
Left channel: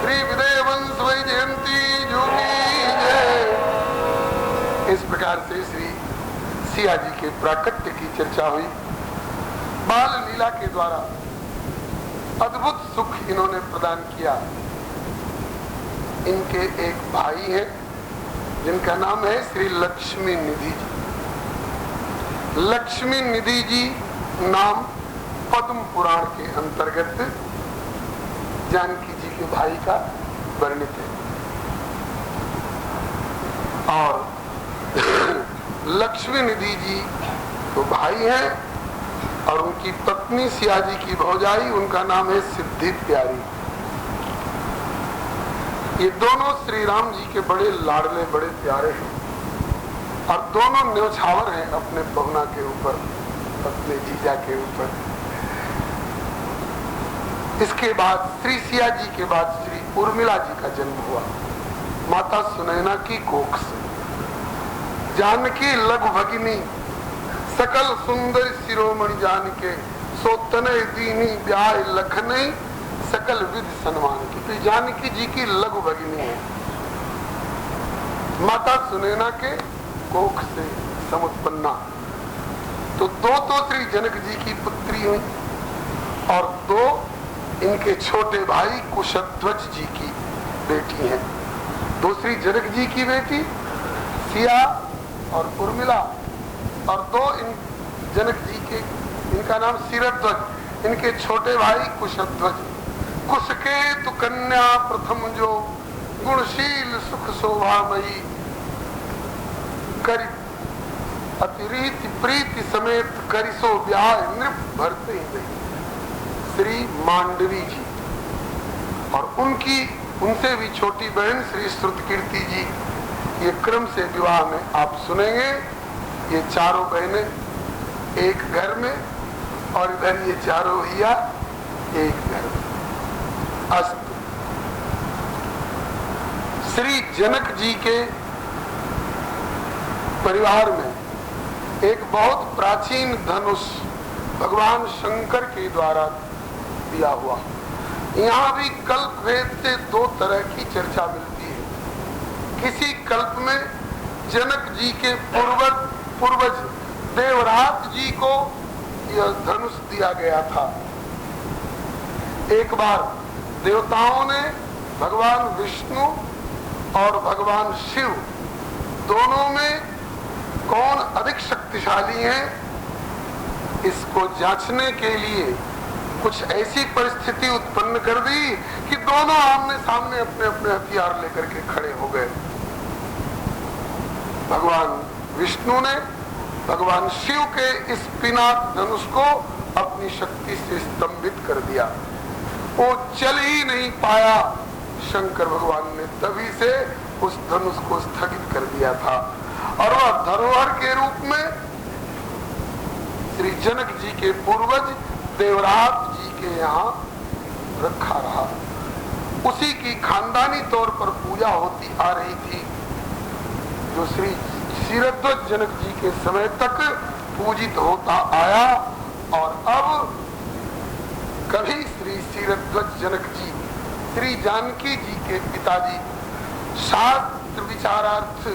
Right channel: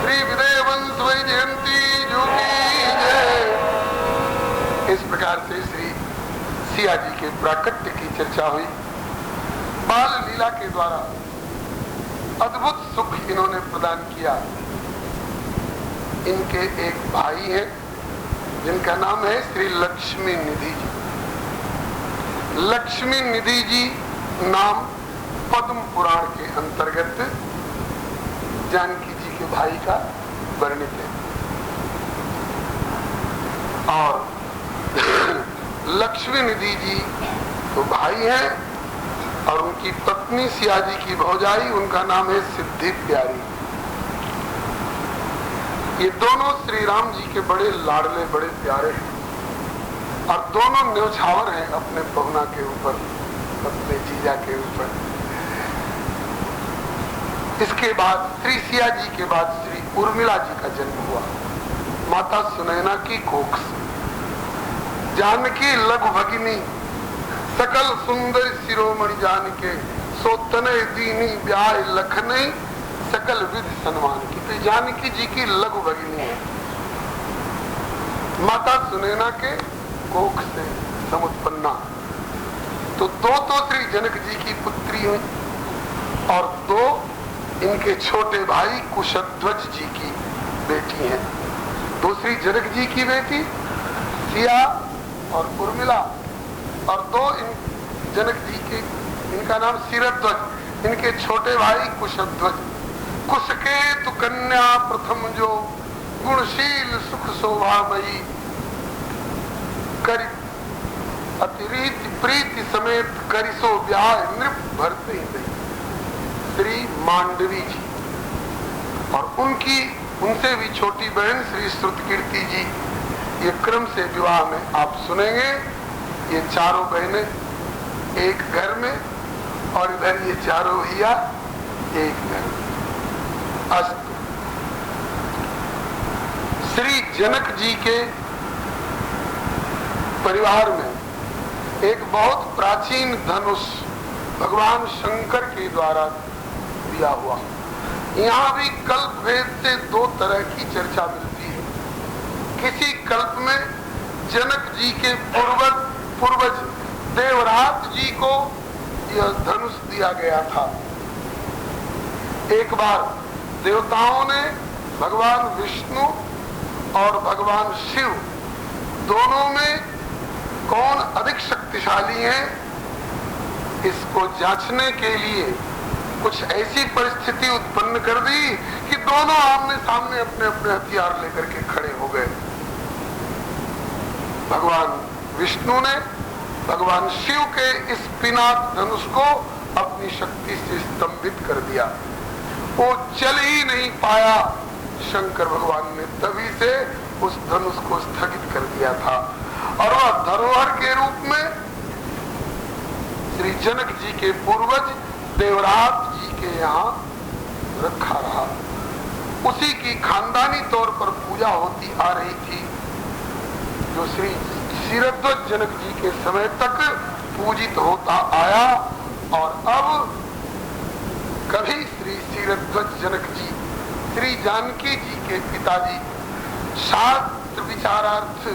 श्री विदेह वंश जयंती जी की जय। इस प्रकार से श्री सिया जी के प्राकट्य की चर्चा हुई। बाल लीला के द्वारा अद्भुत सुख इन्होंने प्रदान किया। इनके एक भाई हैं जिनका नाम है श्री लक्ष्मी निधि। लक्ष्मी निधि जी नाम पद्म पुराण के अंतर्गत जानकी जी के भाई का वर्णित है। और लक्ष्मी निधि जी तो भाई हैं और उनकी पत्नी सिया जी की भौजाई, उनका नाम है सिद्धि प्यारी। ये दोनों श्री राम जी के बड़े लाडले बड़े प्यारे हैं और दोनों न्योछावर हैं अपने पहुना के ऊपर, अपने जीजा के ऊपर। इसके बाद श्री सिया जी के बाद श्री उर्मिला जी का जन्म हुआ माता सुनैना की कोख से। जानकी लघु भगिनी सकल सुंदर शिरोमणि जान के सोतने दीनी ब्याह लखनई सकल विध सन्मान की। तो जानकी जी की लघु भगिनी है, माता सुनैना के कोख से समुत्पन्ना। तो दो तो श्री जनक जी की पुत्री हुई और दो इनके छोटे भाई कुशध्वज जी की बेटी हैं। दूसरी जनक जी की बेटी सिया और उर्मिला और दो इन जनक जी के, इनका नाम शिरध्वज, इनके छोटे भाई कुशध्वज। कुश के तु कन्या प्रथम जो गुणशील सुख शोभामयी करी अतिरीति प्रीति समेत करिसो ब्याह नृप भरते ही श्री मांडवी जी। और उनसे भी छोटी बहन श्री श्रुतकीर्ति जी। ये क्रम से विवाह में आप सुनेंगे। ये चारों बहनें एक घर में और इधर ये चारों भैया एक घर में। अस्तु। श्री जनक जी के परिवार में एक बहुत प्राचीन धनुष भगवान शंकर के द्वारा दिया हुआ। यहाँ भी कल्प भेद से दो तरह की चर्चा मिलती है। किसी कल्प में जनक जी के पूर्वज देवराज जी को यह धनुष दिया गया था। एक बार देवताओं ने भगवान विष्णु और भगवान शिव दोनों में कौन अधिक शक्तिशाली है, इसको जांचने के लिए कुछ ऐसी परिस्थिति उत्पन्न कर दी कि दोनों आमने सामने अपने अपने हथियार लेकर के खड़े हो गए। भगवान विष्णु ने भगवान शिव के इस पिनाक धनुष को अपनी शक्ति से स्तंभित कर दिया। वो चल ही नहीं पाया। शंकर भगवान ने तभी से उस धनुष को स्थगित कर दिया था और वह धरोहर के रूप में श्री जनक जी के पूर्वज देवराज जी के यहाँ रखा रहा। उसी की खानदानी तौर पर पूजा होती आ रही थी, जो श्री क्षीरध्वज जनक जी के समय तक पूजित होता आया। और अब कभी श्री क्षीरध्वज जनक जी श्री जानकी जी के पिताजी शास्त्र विचारार्थ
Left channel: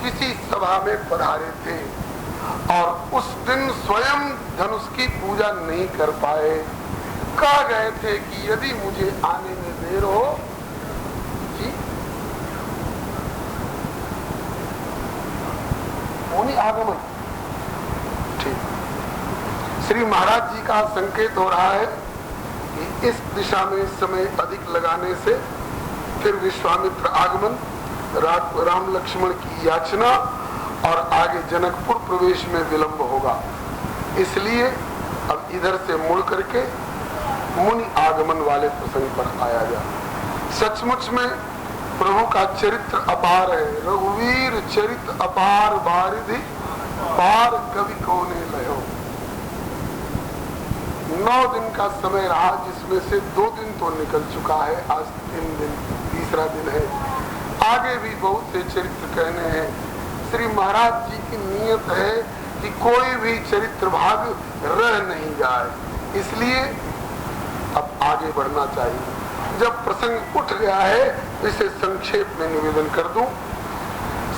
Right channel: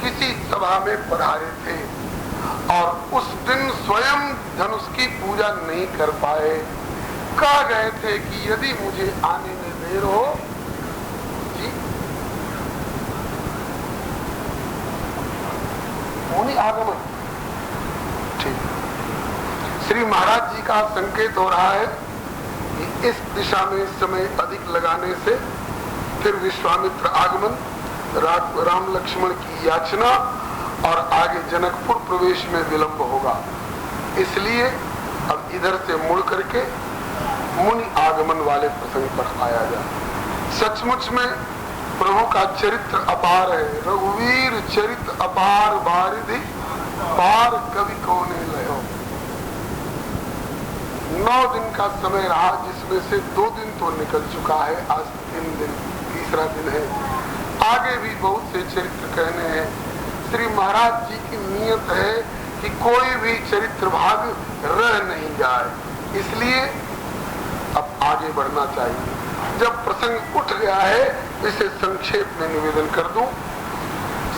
किसी सभा में पधारे थे और उस दिन स्वयं धनुष की पूजा नहीं कर पाए। कह गए थे कि यदि मुझे आने में देर हो आगमन। ठीक, श्री महाराज जी का संकेत हो रहा है कि इस दिशा में समय अधिक लगाने से फिर विश्वामित्र आगमन, राम लक्ष्मण की याचना और आगे जनकपुर प्रवेश में विलंब होगा। इसलिए अब इधर से मुड़ करके मुनि आगमन वाले प्रसंग पर आया जाए। सचमुच में प्रभु का चरित्र अपार है। रघुवीर चरित्र अपार बारिधि पार कवि कोने लयो। 9 दिन का समय रहा, जिसमें से 2 दिन तो निकल चुका है। आज 3 दिन, तीसरा दिन है। आगे भी बहुत से चरित्र कहने हैं। श्री महाराज जी की नियत है कि कोई भी चरित्र भाग रह नहीं जाए, इसलिए अब आगे बढ़ना चाहिए। जब प्रसंग उठ गया है, इसे संक्षेप में निवेदन कर दूं।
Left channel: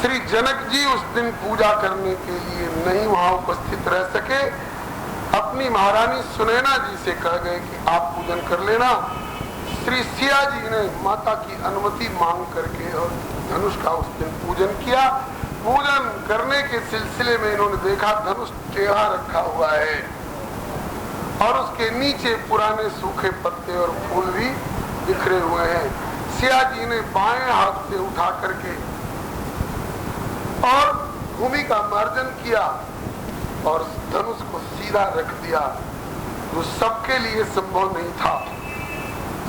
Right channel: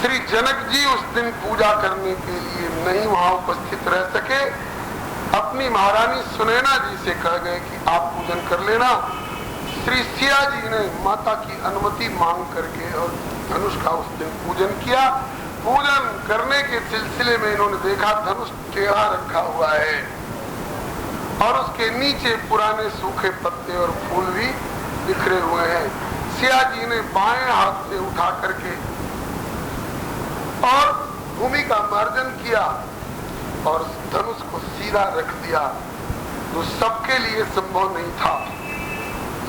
श्री जनक जी उस दिन पूजा करने के लिए नहीं वहां उपस्थित रह सके। अपनी महारानी सुनैना जी से कह गए कि आप पूजन कर लेना। श्री सिया जी ने माता की अनुमति मांग करके और धनुष का उस दिन पूजन किया। पूजन करने के सिलसिले में इन्होंने देखा धनुष टेढ़ा रखा हुआ है और उसके नीचे पुराने सूखे पत्ते और फूल भी बिखरे हुए हैं। सिया जी ने बाएं हाथ से उठा करके और भूमि का मार्जन किया और धनुष को सीधा रख दिया। वो सबके लिए संभव नहीं था।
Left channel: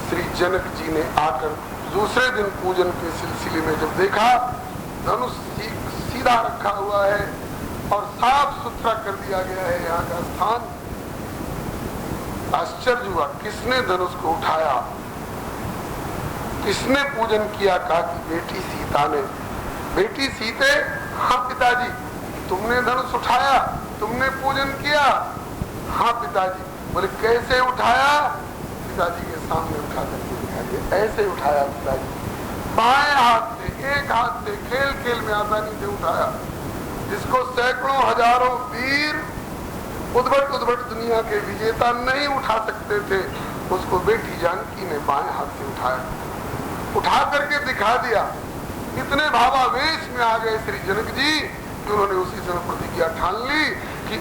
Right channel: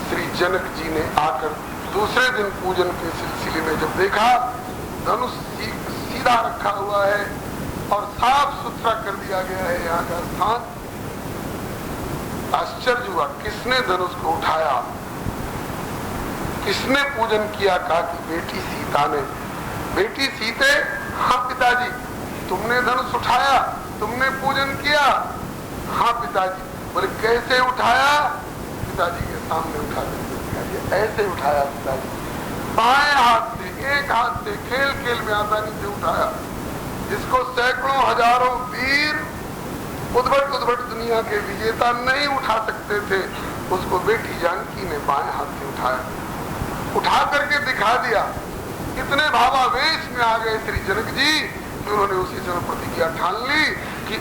श्री जनक जी ने आकर दूसरे दिन पूजन के सिलसिले में जब देखा धनुष सीधा रखा हुआ है और साफ सुथरा कर दिया गया है यहाँ का स्थान, आश्चर्य हुआ। किसने धनुष को उठाया, किसने पूजन किया? कहा कि बेटी सीता ने। बेटी सीते, हाँ पिताजी। तुमने धनुष उठाया, तुमने पूजन किया? हाँ पिताजी। बोले कैसे उठाया? पिताजी के सामने उठा करके दिखा दिया। ऐसे उठाया पिताजी, बाएं हाथ से, एक हाथ से, खेल खेल में आसानी से उठाया। जिसको सैकड़ों हजारों वीर उद्भट दुनिया के विजेता नहीं उठा सकते थे, उसको बेटी जानकी ने बाएं हाथ से उठाया, उठा करके दिखा दिया। इतने भावावेश में आ गए श्री जनक जी कि उन्होंने उसी समय प्रतिज्ञा ठान ली कि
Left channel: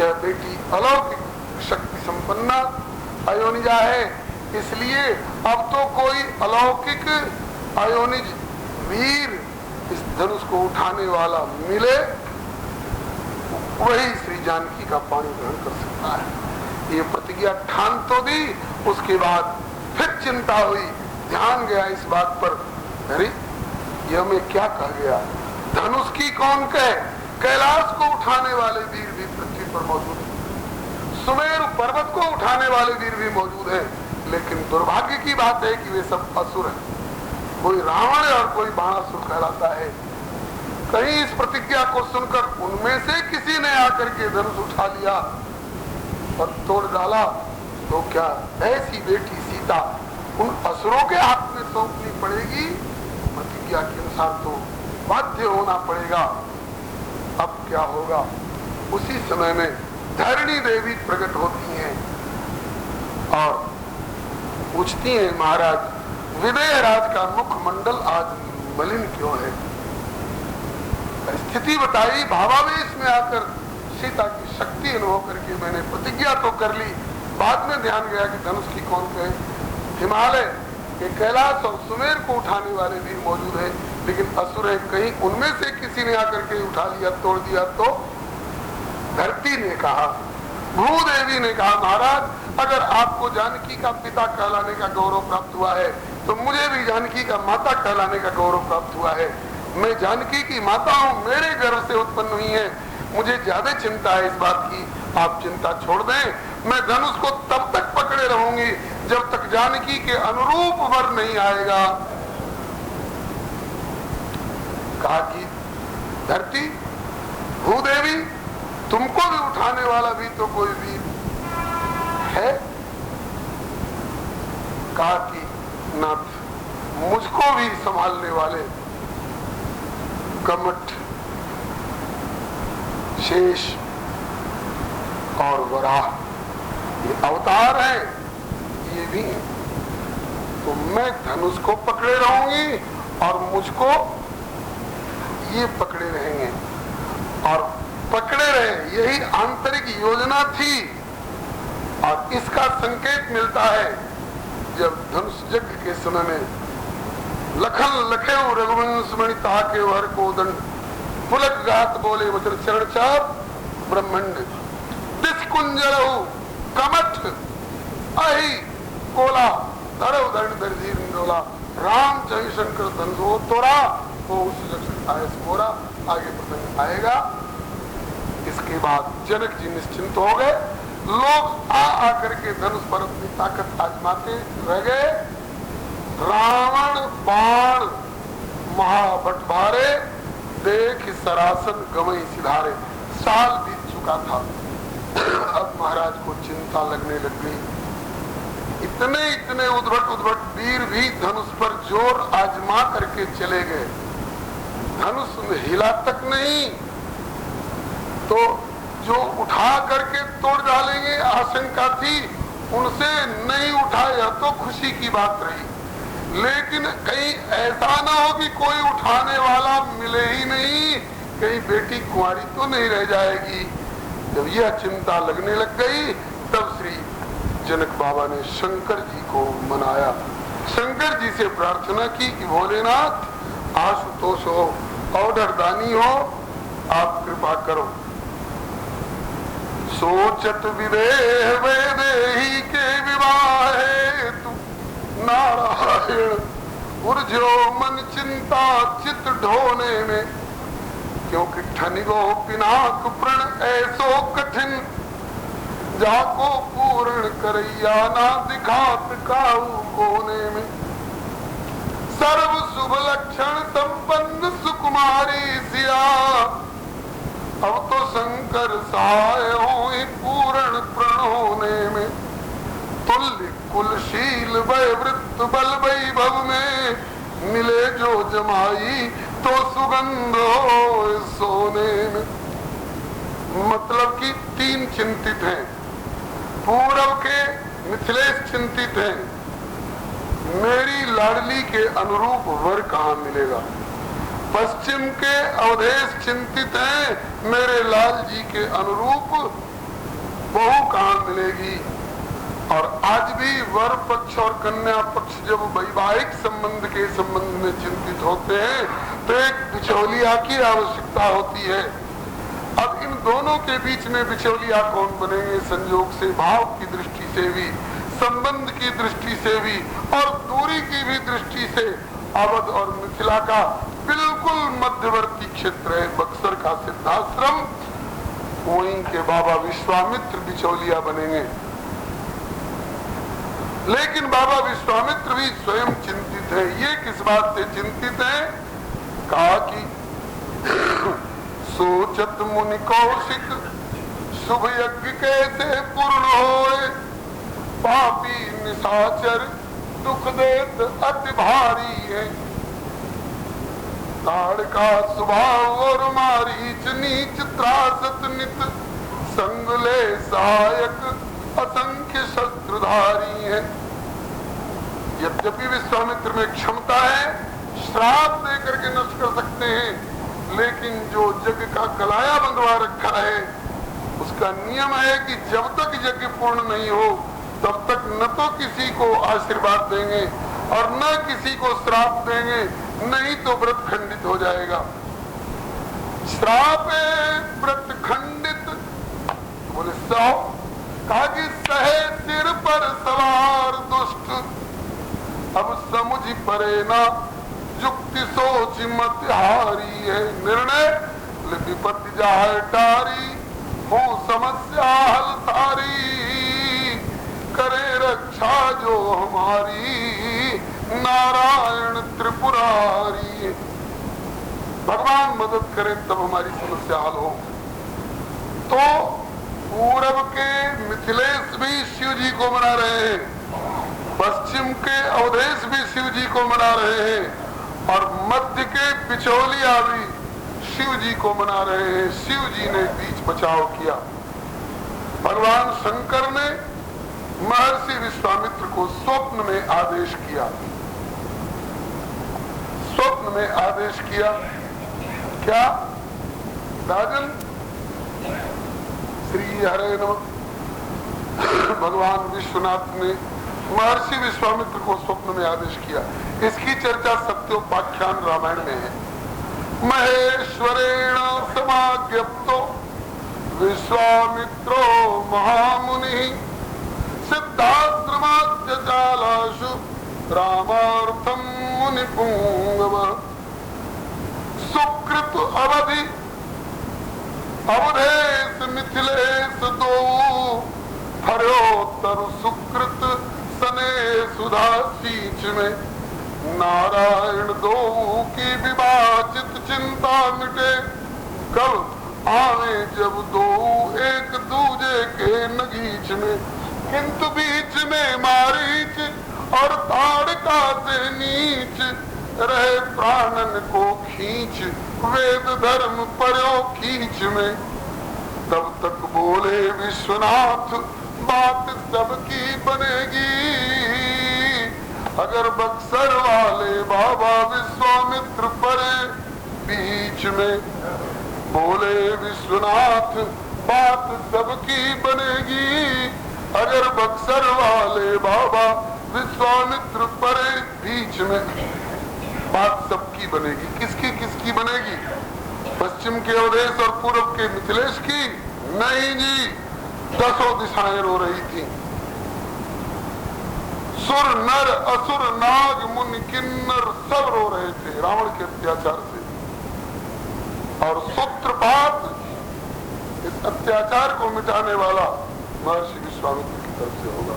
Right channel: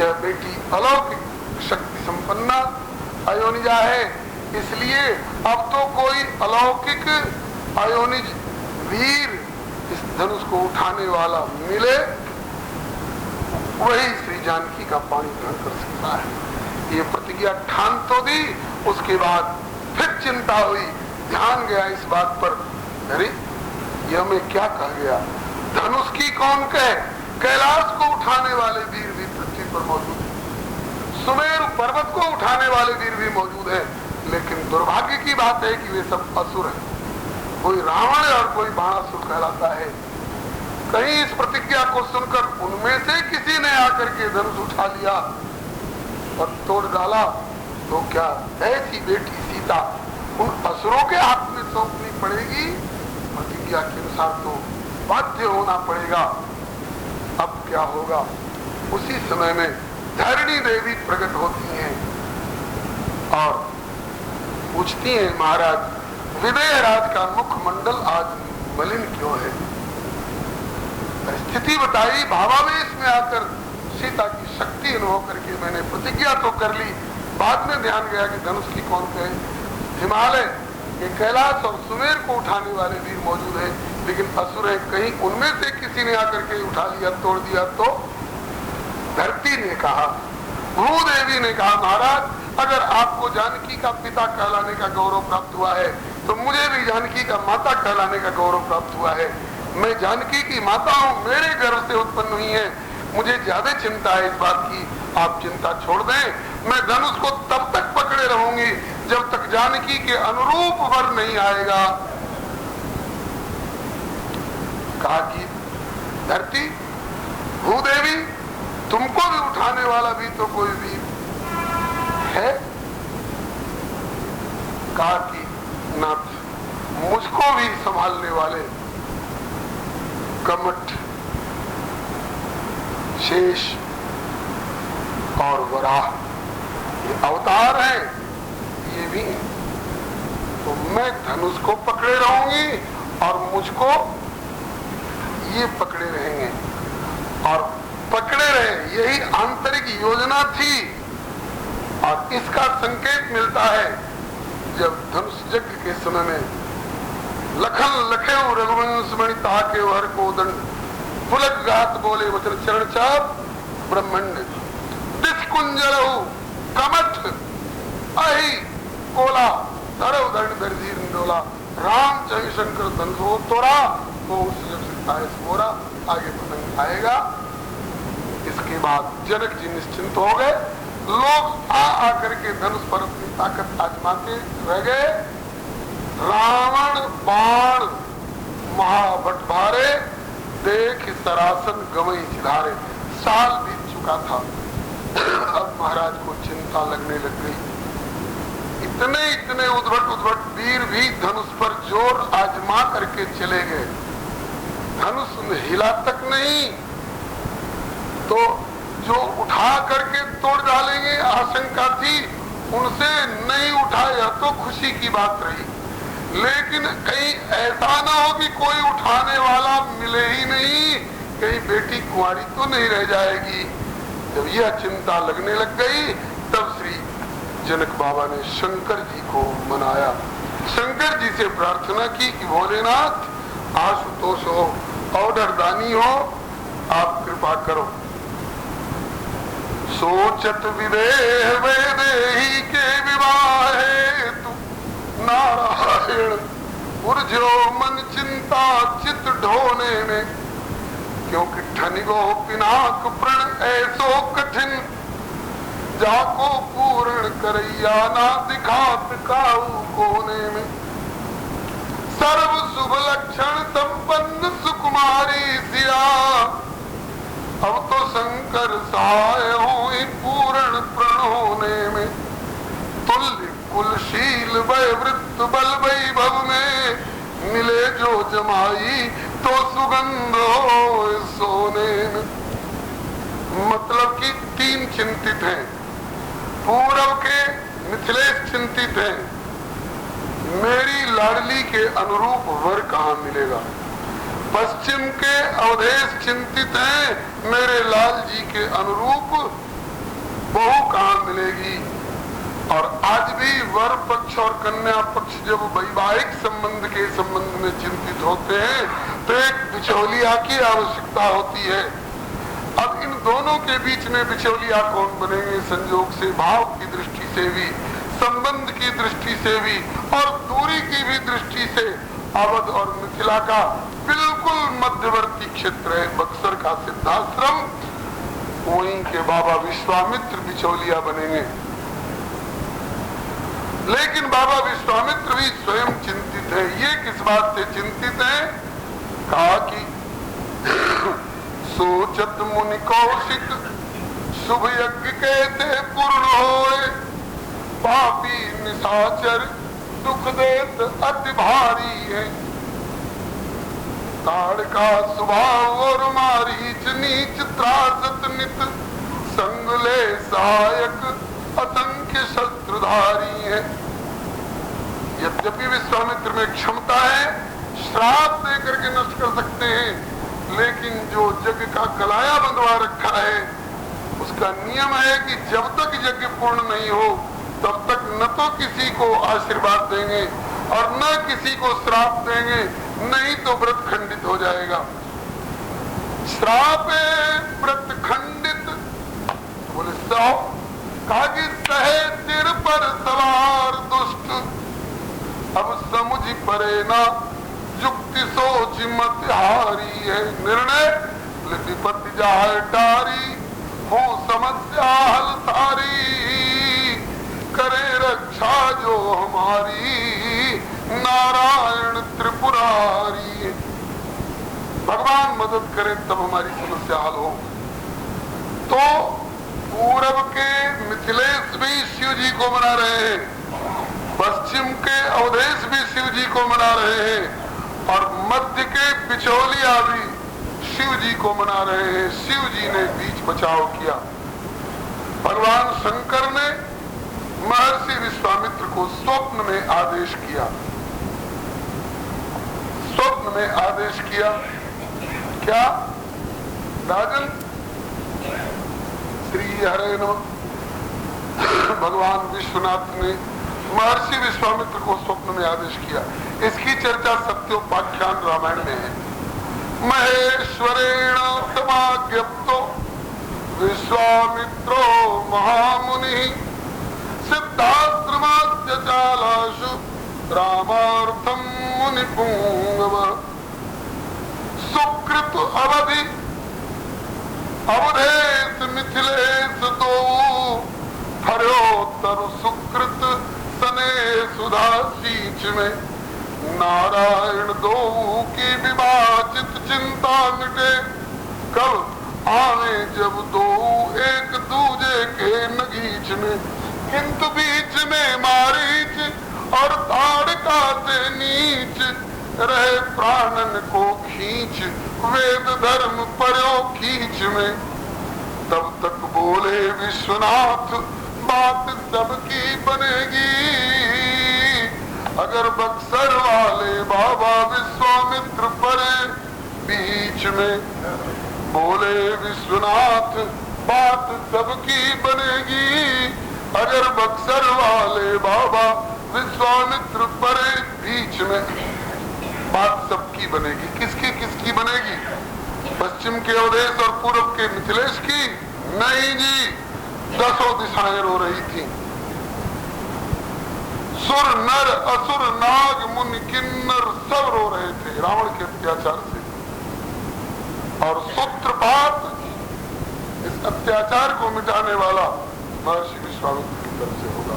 यह बेटी अलौकिक शक्ति संपन्ना अयोनिजा है, इसलिए अब तो कोई अलौकिक अयोनिज वीर इस धनुष को उठाने वाला मिले, वही श्री जानकी का पानी ग्रहण कर सकता है। ये प्रतिज्ञा ठान तो दी। उसके बाद फिर चिंता हुई, ध्यान गया इस बात पर, अरे यह मैं क्या कह गया? धनुष की कौन कहे? कैलाश को उठाने वाले वीर भी पृथ्वी पर मौजूद है। सुमेरु पर्वत को उठाने उठाने वाले वीर भी मौजूद हैं, लेकिन दुर्भाग्य की बात है कि वे सब असुर हैं। कोई रावण और कोई बाणासुर कहलाता है। कहीं इस प्रतिज्ञा को सुनकर उनमें से किसी ने आकर के धनुष उठा लिया और तोड़ डाला, तो क्या ऐसी बेटी सीता उन असुरों के हाथ में सौंपनी पड़ेगी? प्रतिज्ञा के अनुसार तो बाध्य होना पड़ेगा। अब क्या होगा? उसी समय में धरणी देवी प्रकट होती हैं और पूछती हैं, महाराज विदेह राज का मुखमंडल आज मलिन क्यों है? स्थिति बताई। भावावेश में आकर सीता की शक्ति अनुभव करके मैंने प्रतिज्ञा तो कर ली, बाद में ध्यान गया कि धनुष की कौन कहे। हिमालय के कैलाश और सुमेर को उठाने वाले वीर मौजूद है, लेकिन असुर है। कहीं उनमें से किसी ने आकर के उठा लिया, तोड़ दिया। तो धरती ने कहा, भूदेवी ने कहा, महाराज अगर आपको जानकी का पिता कहलाने का गौरव प्राप्त हुआ है तो मुझे भी जानकी का माता कहलाने का गौरव प्राप्त हुआ है। मैं जानकी की माता हूँ, मेरे गर्भ से उत्पन्न हुई है। मुझे ज्यादा चिंता है इस बात की, आप चिंता छोड़ दें। मैं धनुष को तब तक पकड़े रहूंगी जब तक जानकी के अनुरूप वर नहीं आएगा। कहा कि धरती, भूदेवी, तुमको भी उठाने वाला भी तो कोई भी है? कहा कि नाथ, मुझको भी संभालने वाले कमठ, शेष और वराह ये अवतार हैं, ये भी। तो मैं धनुष को पकड़े रहूंगी और मुझको ये पकड़े रहेंगे और पकड़े रहे, यही आंतरिक योजना थी। और इसका संकेत मिलता है जब धनुष यज्ञ के समय में लखन लखे रघुवंश मणि ताके हर को दंड पुलक गात बोले वचन चरण चाप ब्रह्मंड दिस कुंजरहु कमठ अहि कोला धरव दंड बरधीर डोला राम चरि शंकर धनुषो तोरा तो मोरा। आगे प्रसंग आएगा। इसके बाद जनक जी निश्चिंत हो गए। लोग आ करके धनुष पर अपनी ताकत आजमाते रह गए। रावण बाण महाभट भारे देख सरासन गवई सिधारे। साल बीत चुका था। अब महाराज को चिंता लगने लग गई। इतने उद्भट वीर भी धनुष पर जोर आजमा करके चले गए। धनुष में हिला तक नहीं, तो जो उठा करके तोड़ डालेंगे आशंका थी, उनसे नहीं उठाया तो खुशी की बात रही। लेकिन कहीं ऐसा ना हो कि कोई उठाने वाला मिले ही नहीं, कहीं बेटी कुंवारी तो नहीं रह जाएगी। जब यह चिंता लगने लग गई तब श्री जनक बाबा ने शंकर जी को मनाया। शंकर जी से प्रार्थना की कि भोलेनाथ, आशुतोष हो, औढरदानी हो, आप कृपा करो। सोचत विदेह वैदेही के विवाह तू नारायण उर्जो मन चिंता चित ढोने में, क्योंकि ठनिगो पिनाक प्रण ऐसो कठिन जाको पूर्ण करैया ना दिखात काऊ कोने में। सर्व शुभ लक्षण संपन्न सुकुमारी सिया, अब तो शंकर सहाय हो पूर्ण प्रण होने में। तुल्य कुलशील वृत्त बल वैभव में, मिले जो जमाई तो सुगंध हो सोने में। मतलब कि तीन चिंतित हैं। पूर्व के मिथिलेश चिंतित हैं, मेरी लाडली के अनुरूप वर कहाँ मिलेगा। पश्चिम के अवधेश चिंतित हैं, मेरे लाल जी के अनुरूप बहू कहाँ मिलेगी। और आज भी वर पक्ष और कन्या पक्ष जब वैवाहिक संबंध के संबंध में चिंतित होते हैं तो एक बिचौलिया की आवश्यकता होती है। अब इन दोनों के बीच में बिचौलिया कौन बनेंगे? संजोग से, भाव की दृष्टि से भी, संबंध की दृष्टि से भी और दूरी की भी दृष्टि से अवध और मिथिला का बिल्कुल मध्यवर्ती क्षेत्र है बक्सर का सिद्धाश्रम। वहीं के बाबा विश्वामित्र बिचौलिया बनेंगे। लेकिन बाबा विश्वामित्र भी स्वयं चिंतित है। ये किस बात से चिंतित है? कहा कि सोचत मुनि कौशिक शुभ यज्ञ कैसे पूर्ण होए, पापी निशाचर दुख देत अति भारी है। ताड़ का स्वभाव और मारीच नीच त्रासत नित, संग ले सहायक असंख्य शस्त्रधारी है। यद्यपि विश्वामित्र में क्षमता है, श्राप देकर के नष्ट कर सकते हैं, लेकिन जो यज्ञ का कलाया बंधवा रखा है उसका नियम है कि जब तक यज्ञ पूर्ण नहीं हो तब तक न तो किसी को आशीर्वाद देंगे और न किसी को श्राप देंगे, नहीं तो व्रत खंडित हो जाएगा। श्राप व्रत खंडित बोले सौ। कहा कि सहे सिर पर सवार दुष्ट, अब समुझ परे ना युक्ति सोच मत हारी है। निर्णय विपत्ति जाए टारी, हो समस्या हल सारी, करे रक्षा जो हमारी नारायण त्रिपुरारी। भगवान मदद करे तब हमारी समस्या हल हो। तो पूरब के मिथिलेश भी शिव जी को मना रहे हैं, पश्चिम के अवधेश भी शिव जी को मना रहे हैं और मध्य के बिचौलिया भी शिव जी को मना रहे हैं। शिव जी ने बीच बचाव किया। भगवान शंकर ने महर्षि विश्वामित्र को स्वप्न में आदेश किया। स्वप्न में आदेश किया क्या? राजन श्री हरे नमः। भगवान विश्वनाथ ने महर्षि विश्वामित्र को स्वप्न में आदेश किया। इसकी चर्चा सत्योपाख्यान रामायण में है। महेश्वरेण समाज्ञप्तो विश्वामित्रो महामुनि, सिद्धाश्रमाच्य चालाशु रामार्थम मुनि पुंगव। सुकृत अवधि अवधेश मिथिलेश दो, हर्योत्तर सुकृत सने सुधा सींच में। नारायण दो की विभाजित चिंता मिटे, कब आवे जब दो एक दूजे के नगीच में। किंतु बीच में मारीच और ताड़का से नीच, रहे प्राणन को खींच वेद धर्म परो खींच में। तब तक बोले विश्वनाथ बात सबकी बनेगी, अगर बक्सर वाले बाबा विश्वामित्र परे बीच में। बोले विश्वनाथ बात सबकी बनेगी, अगर बक्सर वाले बाबा विश्वामित्र परे बीच में। बात सबकी बनेगी। किसकी किसकी बनेगी? पश्चिम के अवधेश और पूर्व के मिथिलेश की? नहीं जी, 10 दिशाएं रो रही थी। सुर नर असुर नाग मुनि किन्नर सब रो रहे थे रावण के अत्याचार से। और सूत्रपात इस अत्याचार को मिटाने वाला महर्षि विश्वामित्र की तरफ से होगा।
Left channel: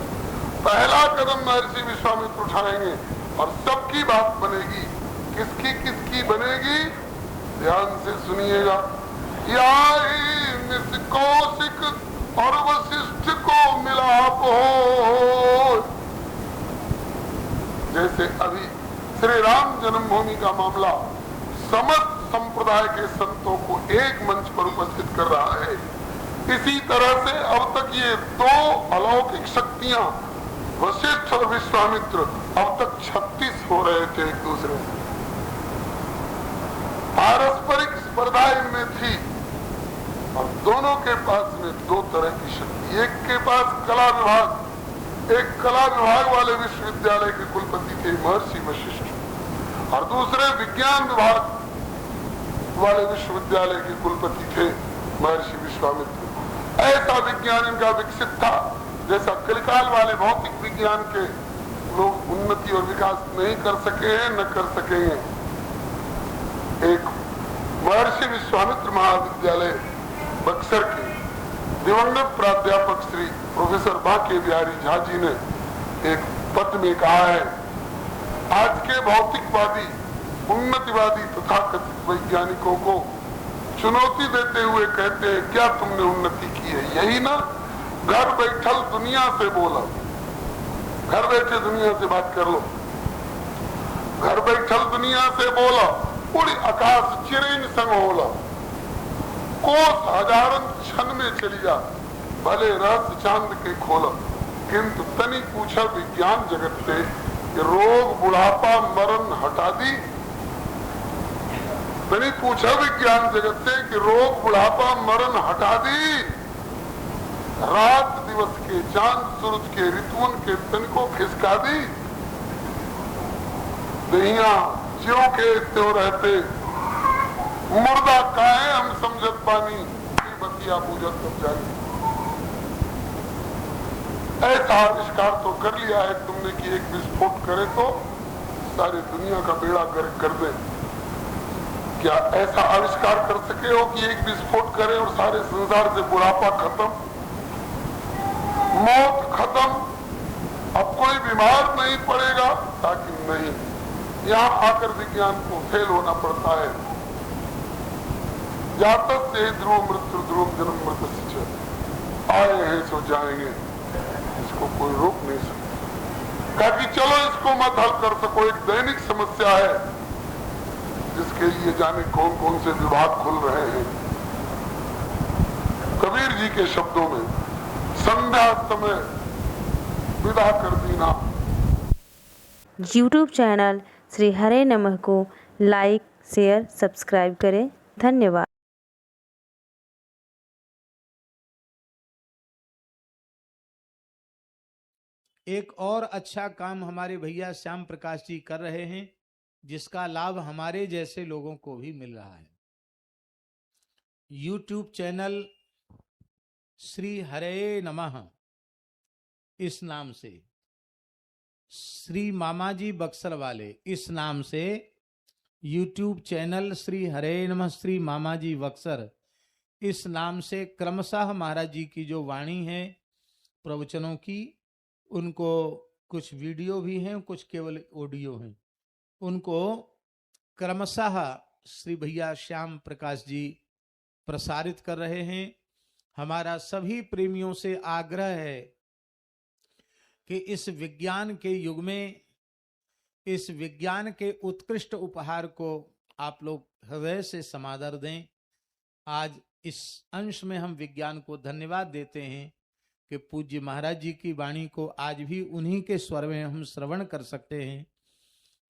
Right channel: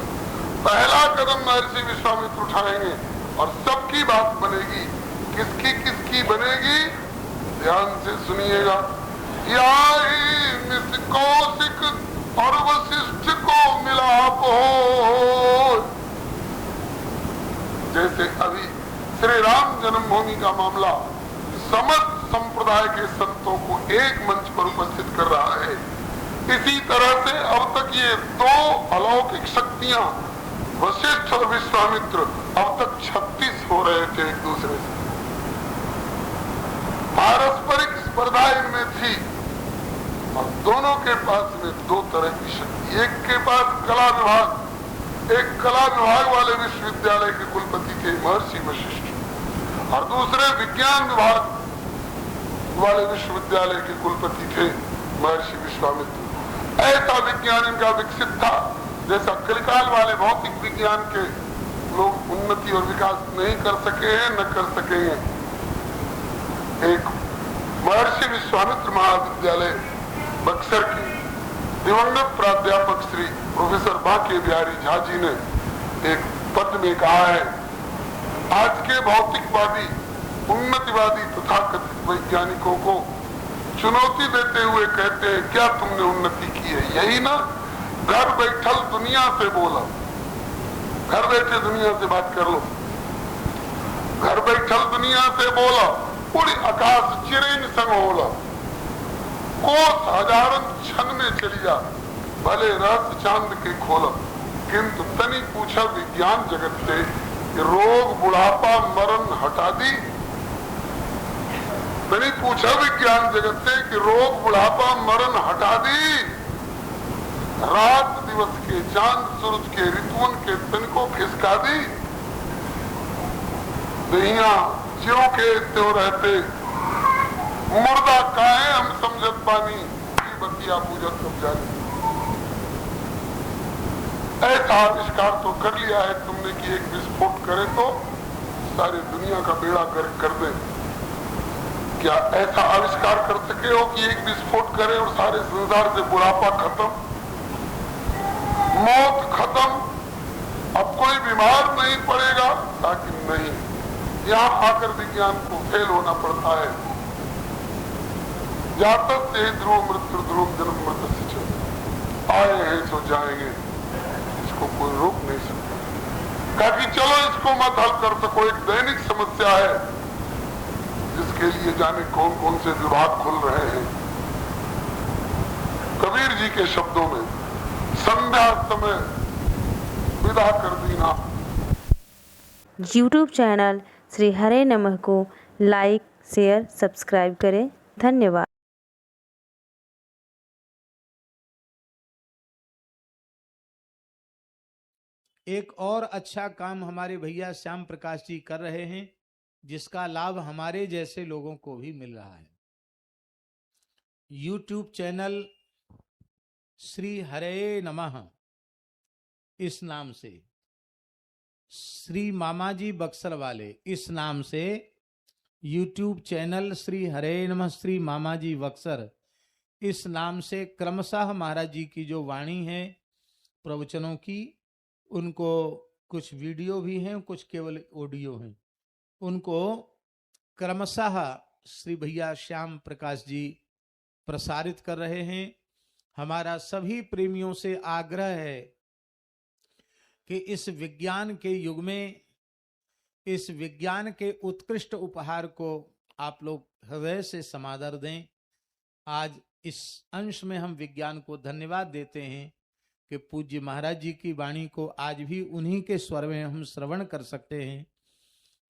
पहला कदम महर्षि विश्वामित्र उठाएंगे और सबकी बात बनेगी। किसकी किसकी बनेगी? ध्यान से सुनिएगा। कौशिक और वशिष्ठ को मिलाप हो। जैसे अभी श्री राम जन्मभूमि का मामला समस्त संप्रदाय के संतों को एक मंच पर उपस्थित कर रहा है, इसी तरह से अब तक ये दो अलौकिक शक्तियां वशिष्ठ और विश्वामित्र अब तक 36 हो रहे थे एक दूसरे से। पारस्परिक स्पर्धा इनमें थी और दोनों के पास में दो तरह की शक्ति। एक के पास कला विभाग, एक कला विभाग वाले विश्वविद्यालय के कुलपति थे महर्षि वशिष्ठ, और दूसरे विज्ञान विभाग वाले विश्वविद्यालय के कुलपति थे महर्षि विश्वामित्र। ऐसा विज्ञान इनका विकसित था जैसा कलिकाल वाले भौतिक विज्ञान के लोग उन्नति और विकास नहीं कर सके हैं, न कर सकेंगे। एक महर्षि विश्वामित्र महाविद्यालय बक्सर के दिवंगत प्राध्यापक श्री प्रोफेसर बांके बिहारी झा जी ने एक पद में कहा है, आज के भौतिकवादी उन्नतिवादी तथाकथित वैज्ञानिकों को चुनौती देते हुए कहते हैं, क्या तुमने उन्नति की है? यही ना, घर बैठल दुनिया से बोला, घर बैठे दुनिया से बात कर लो, घर बैठल दुनिया से बोला, पूरी आकाश चिरेन संग होला, कोस हजारन क्षण में चली जा, भले रहस्य चांद के खोला। किंतु तनी पूछा विज्ञान जगत से कि रोग बुढ़ापा मरण हटा दी। तनी पूछा विज्ञान जगत से कि रोग बुढ़ापा मरण हटा दी। रात दिवस के चांद सूरज के ऋतुओं के तन को खिसका दी। दहिया ज्यों के त्यों रहते, मुर्दा काहे हम समझत पानी, बतिया पूजत सब जानी। ऐसा आविष्कार तो कर लिया है तुमने कि एक विस्फोट करे तो सारी दुनिया का बेड़ा गर्क कर दे। क्या ऐसा आविष्कार कर सके हो कि एक विस्फोट करे और सारे संसार से बुढ़ापा खत्म, मौत खत्म, अब कोई बीमार नहीं पड़ेगा? ताकि नहीं, यहाँ आकर विज्ञान को फेल होना पड़ता है। जातक से ध्रुव मृत्यु ध्रुव जन्म मृत्यु, आए हैं सो जाएंगे, इसको कोई रोक नहीं सकता। कहा कि चलो इसको मत हल कर सको, एक दैनिक समस्या है जिसके लिए जाने कौन कौन से विभाग खुल रहे हैं। कबीर जी के शब्दों में, संध्या समय विदा कर दीना। YouTube चैनल श्री हरे नमः को लाइक, शेयर, सब्सक्राइब करें। धन्यवाद। एक और अच्छा काम हमारे भैया श्याम प्रकाश जी कर रहे हैं, जिसका लाभ हमारे जैसे लोगों को भी मिल रहा है। YouTube चैनल श्री हरे नमः इस नाम से, श्री मामा जी बक्सर वाले इस नाम से YouTube चैनल श्री हरे नमः श्री मामा जी बक्सर इस नाम से क्रमशः महाराज जी की जो वाणी है प्रवचनों की, उनको कुछ वीडियो भी हैं, कुछ केवल ऑडियो हैं, उनको क्रमशः श्री भैया श्याम प्रकाश जी प्रसारित कर रहे हैं। हमारा सभी प्रेमियों से आग्रह है कि इस विज्ञान के युग में इस विज्ञान के उत्कृष्ट उपहार को आप लोग हृदय से समादर दें। आज इस अंश में हम विज्ञान को धन्यवाद देते हैं कि पूज्य महाराज जी की वाणी को आज भी उन्हीं के स्वर में हम श्रवण कर सकते हैं।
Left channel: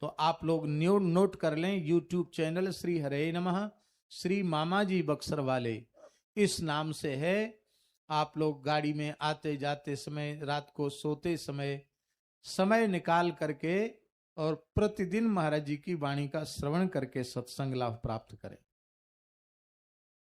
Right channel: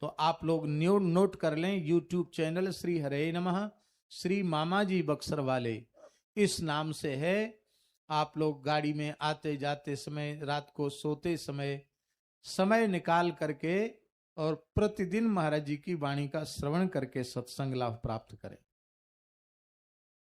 तो आप लोग नोट कर लें, YouTube चैनल श्री हरे नमः श्री मामा जी बक्सर वाले इस नाम से है। आप लोग गाड़ी में आते जाते समय, रात को सोते समय निकाल करके और प्रतिदिन महाराज जी की वाणी का श्रवण करके सत्संग लाभ प्राप्त करें।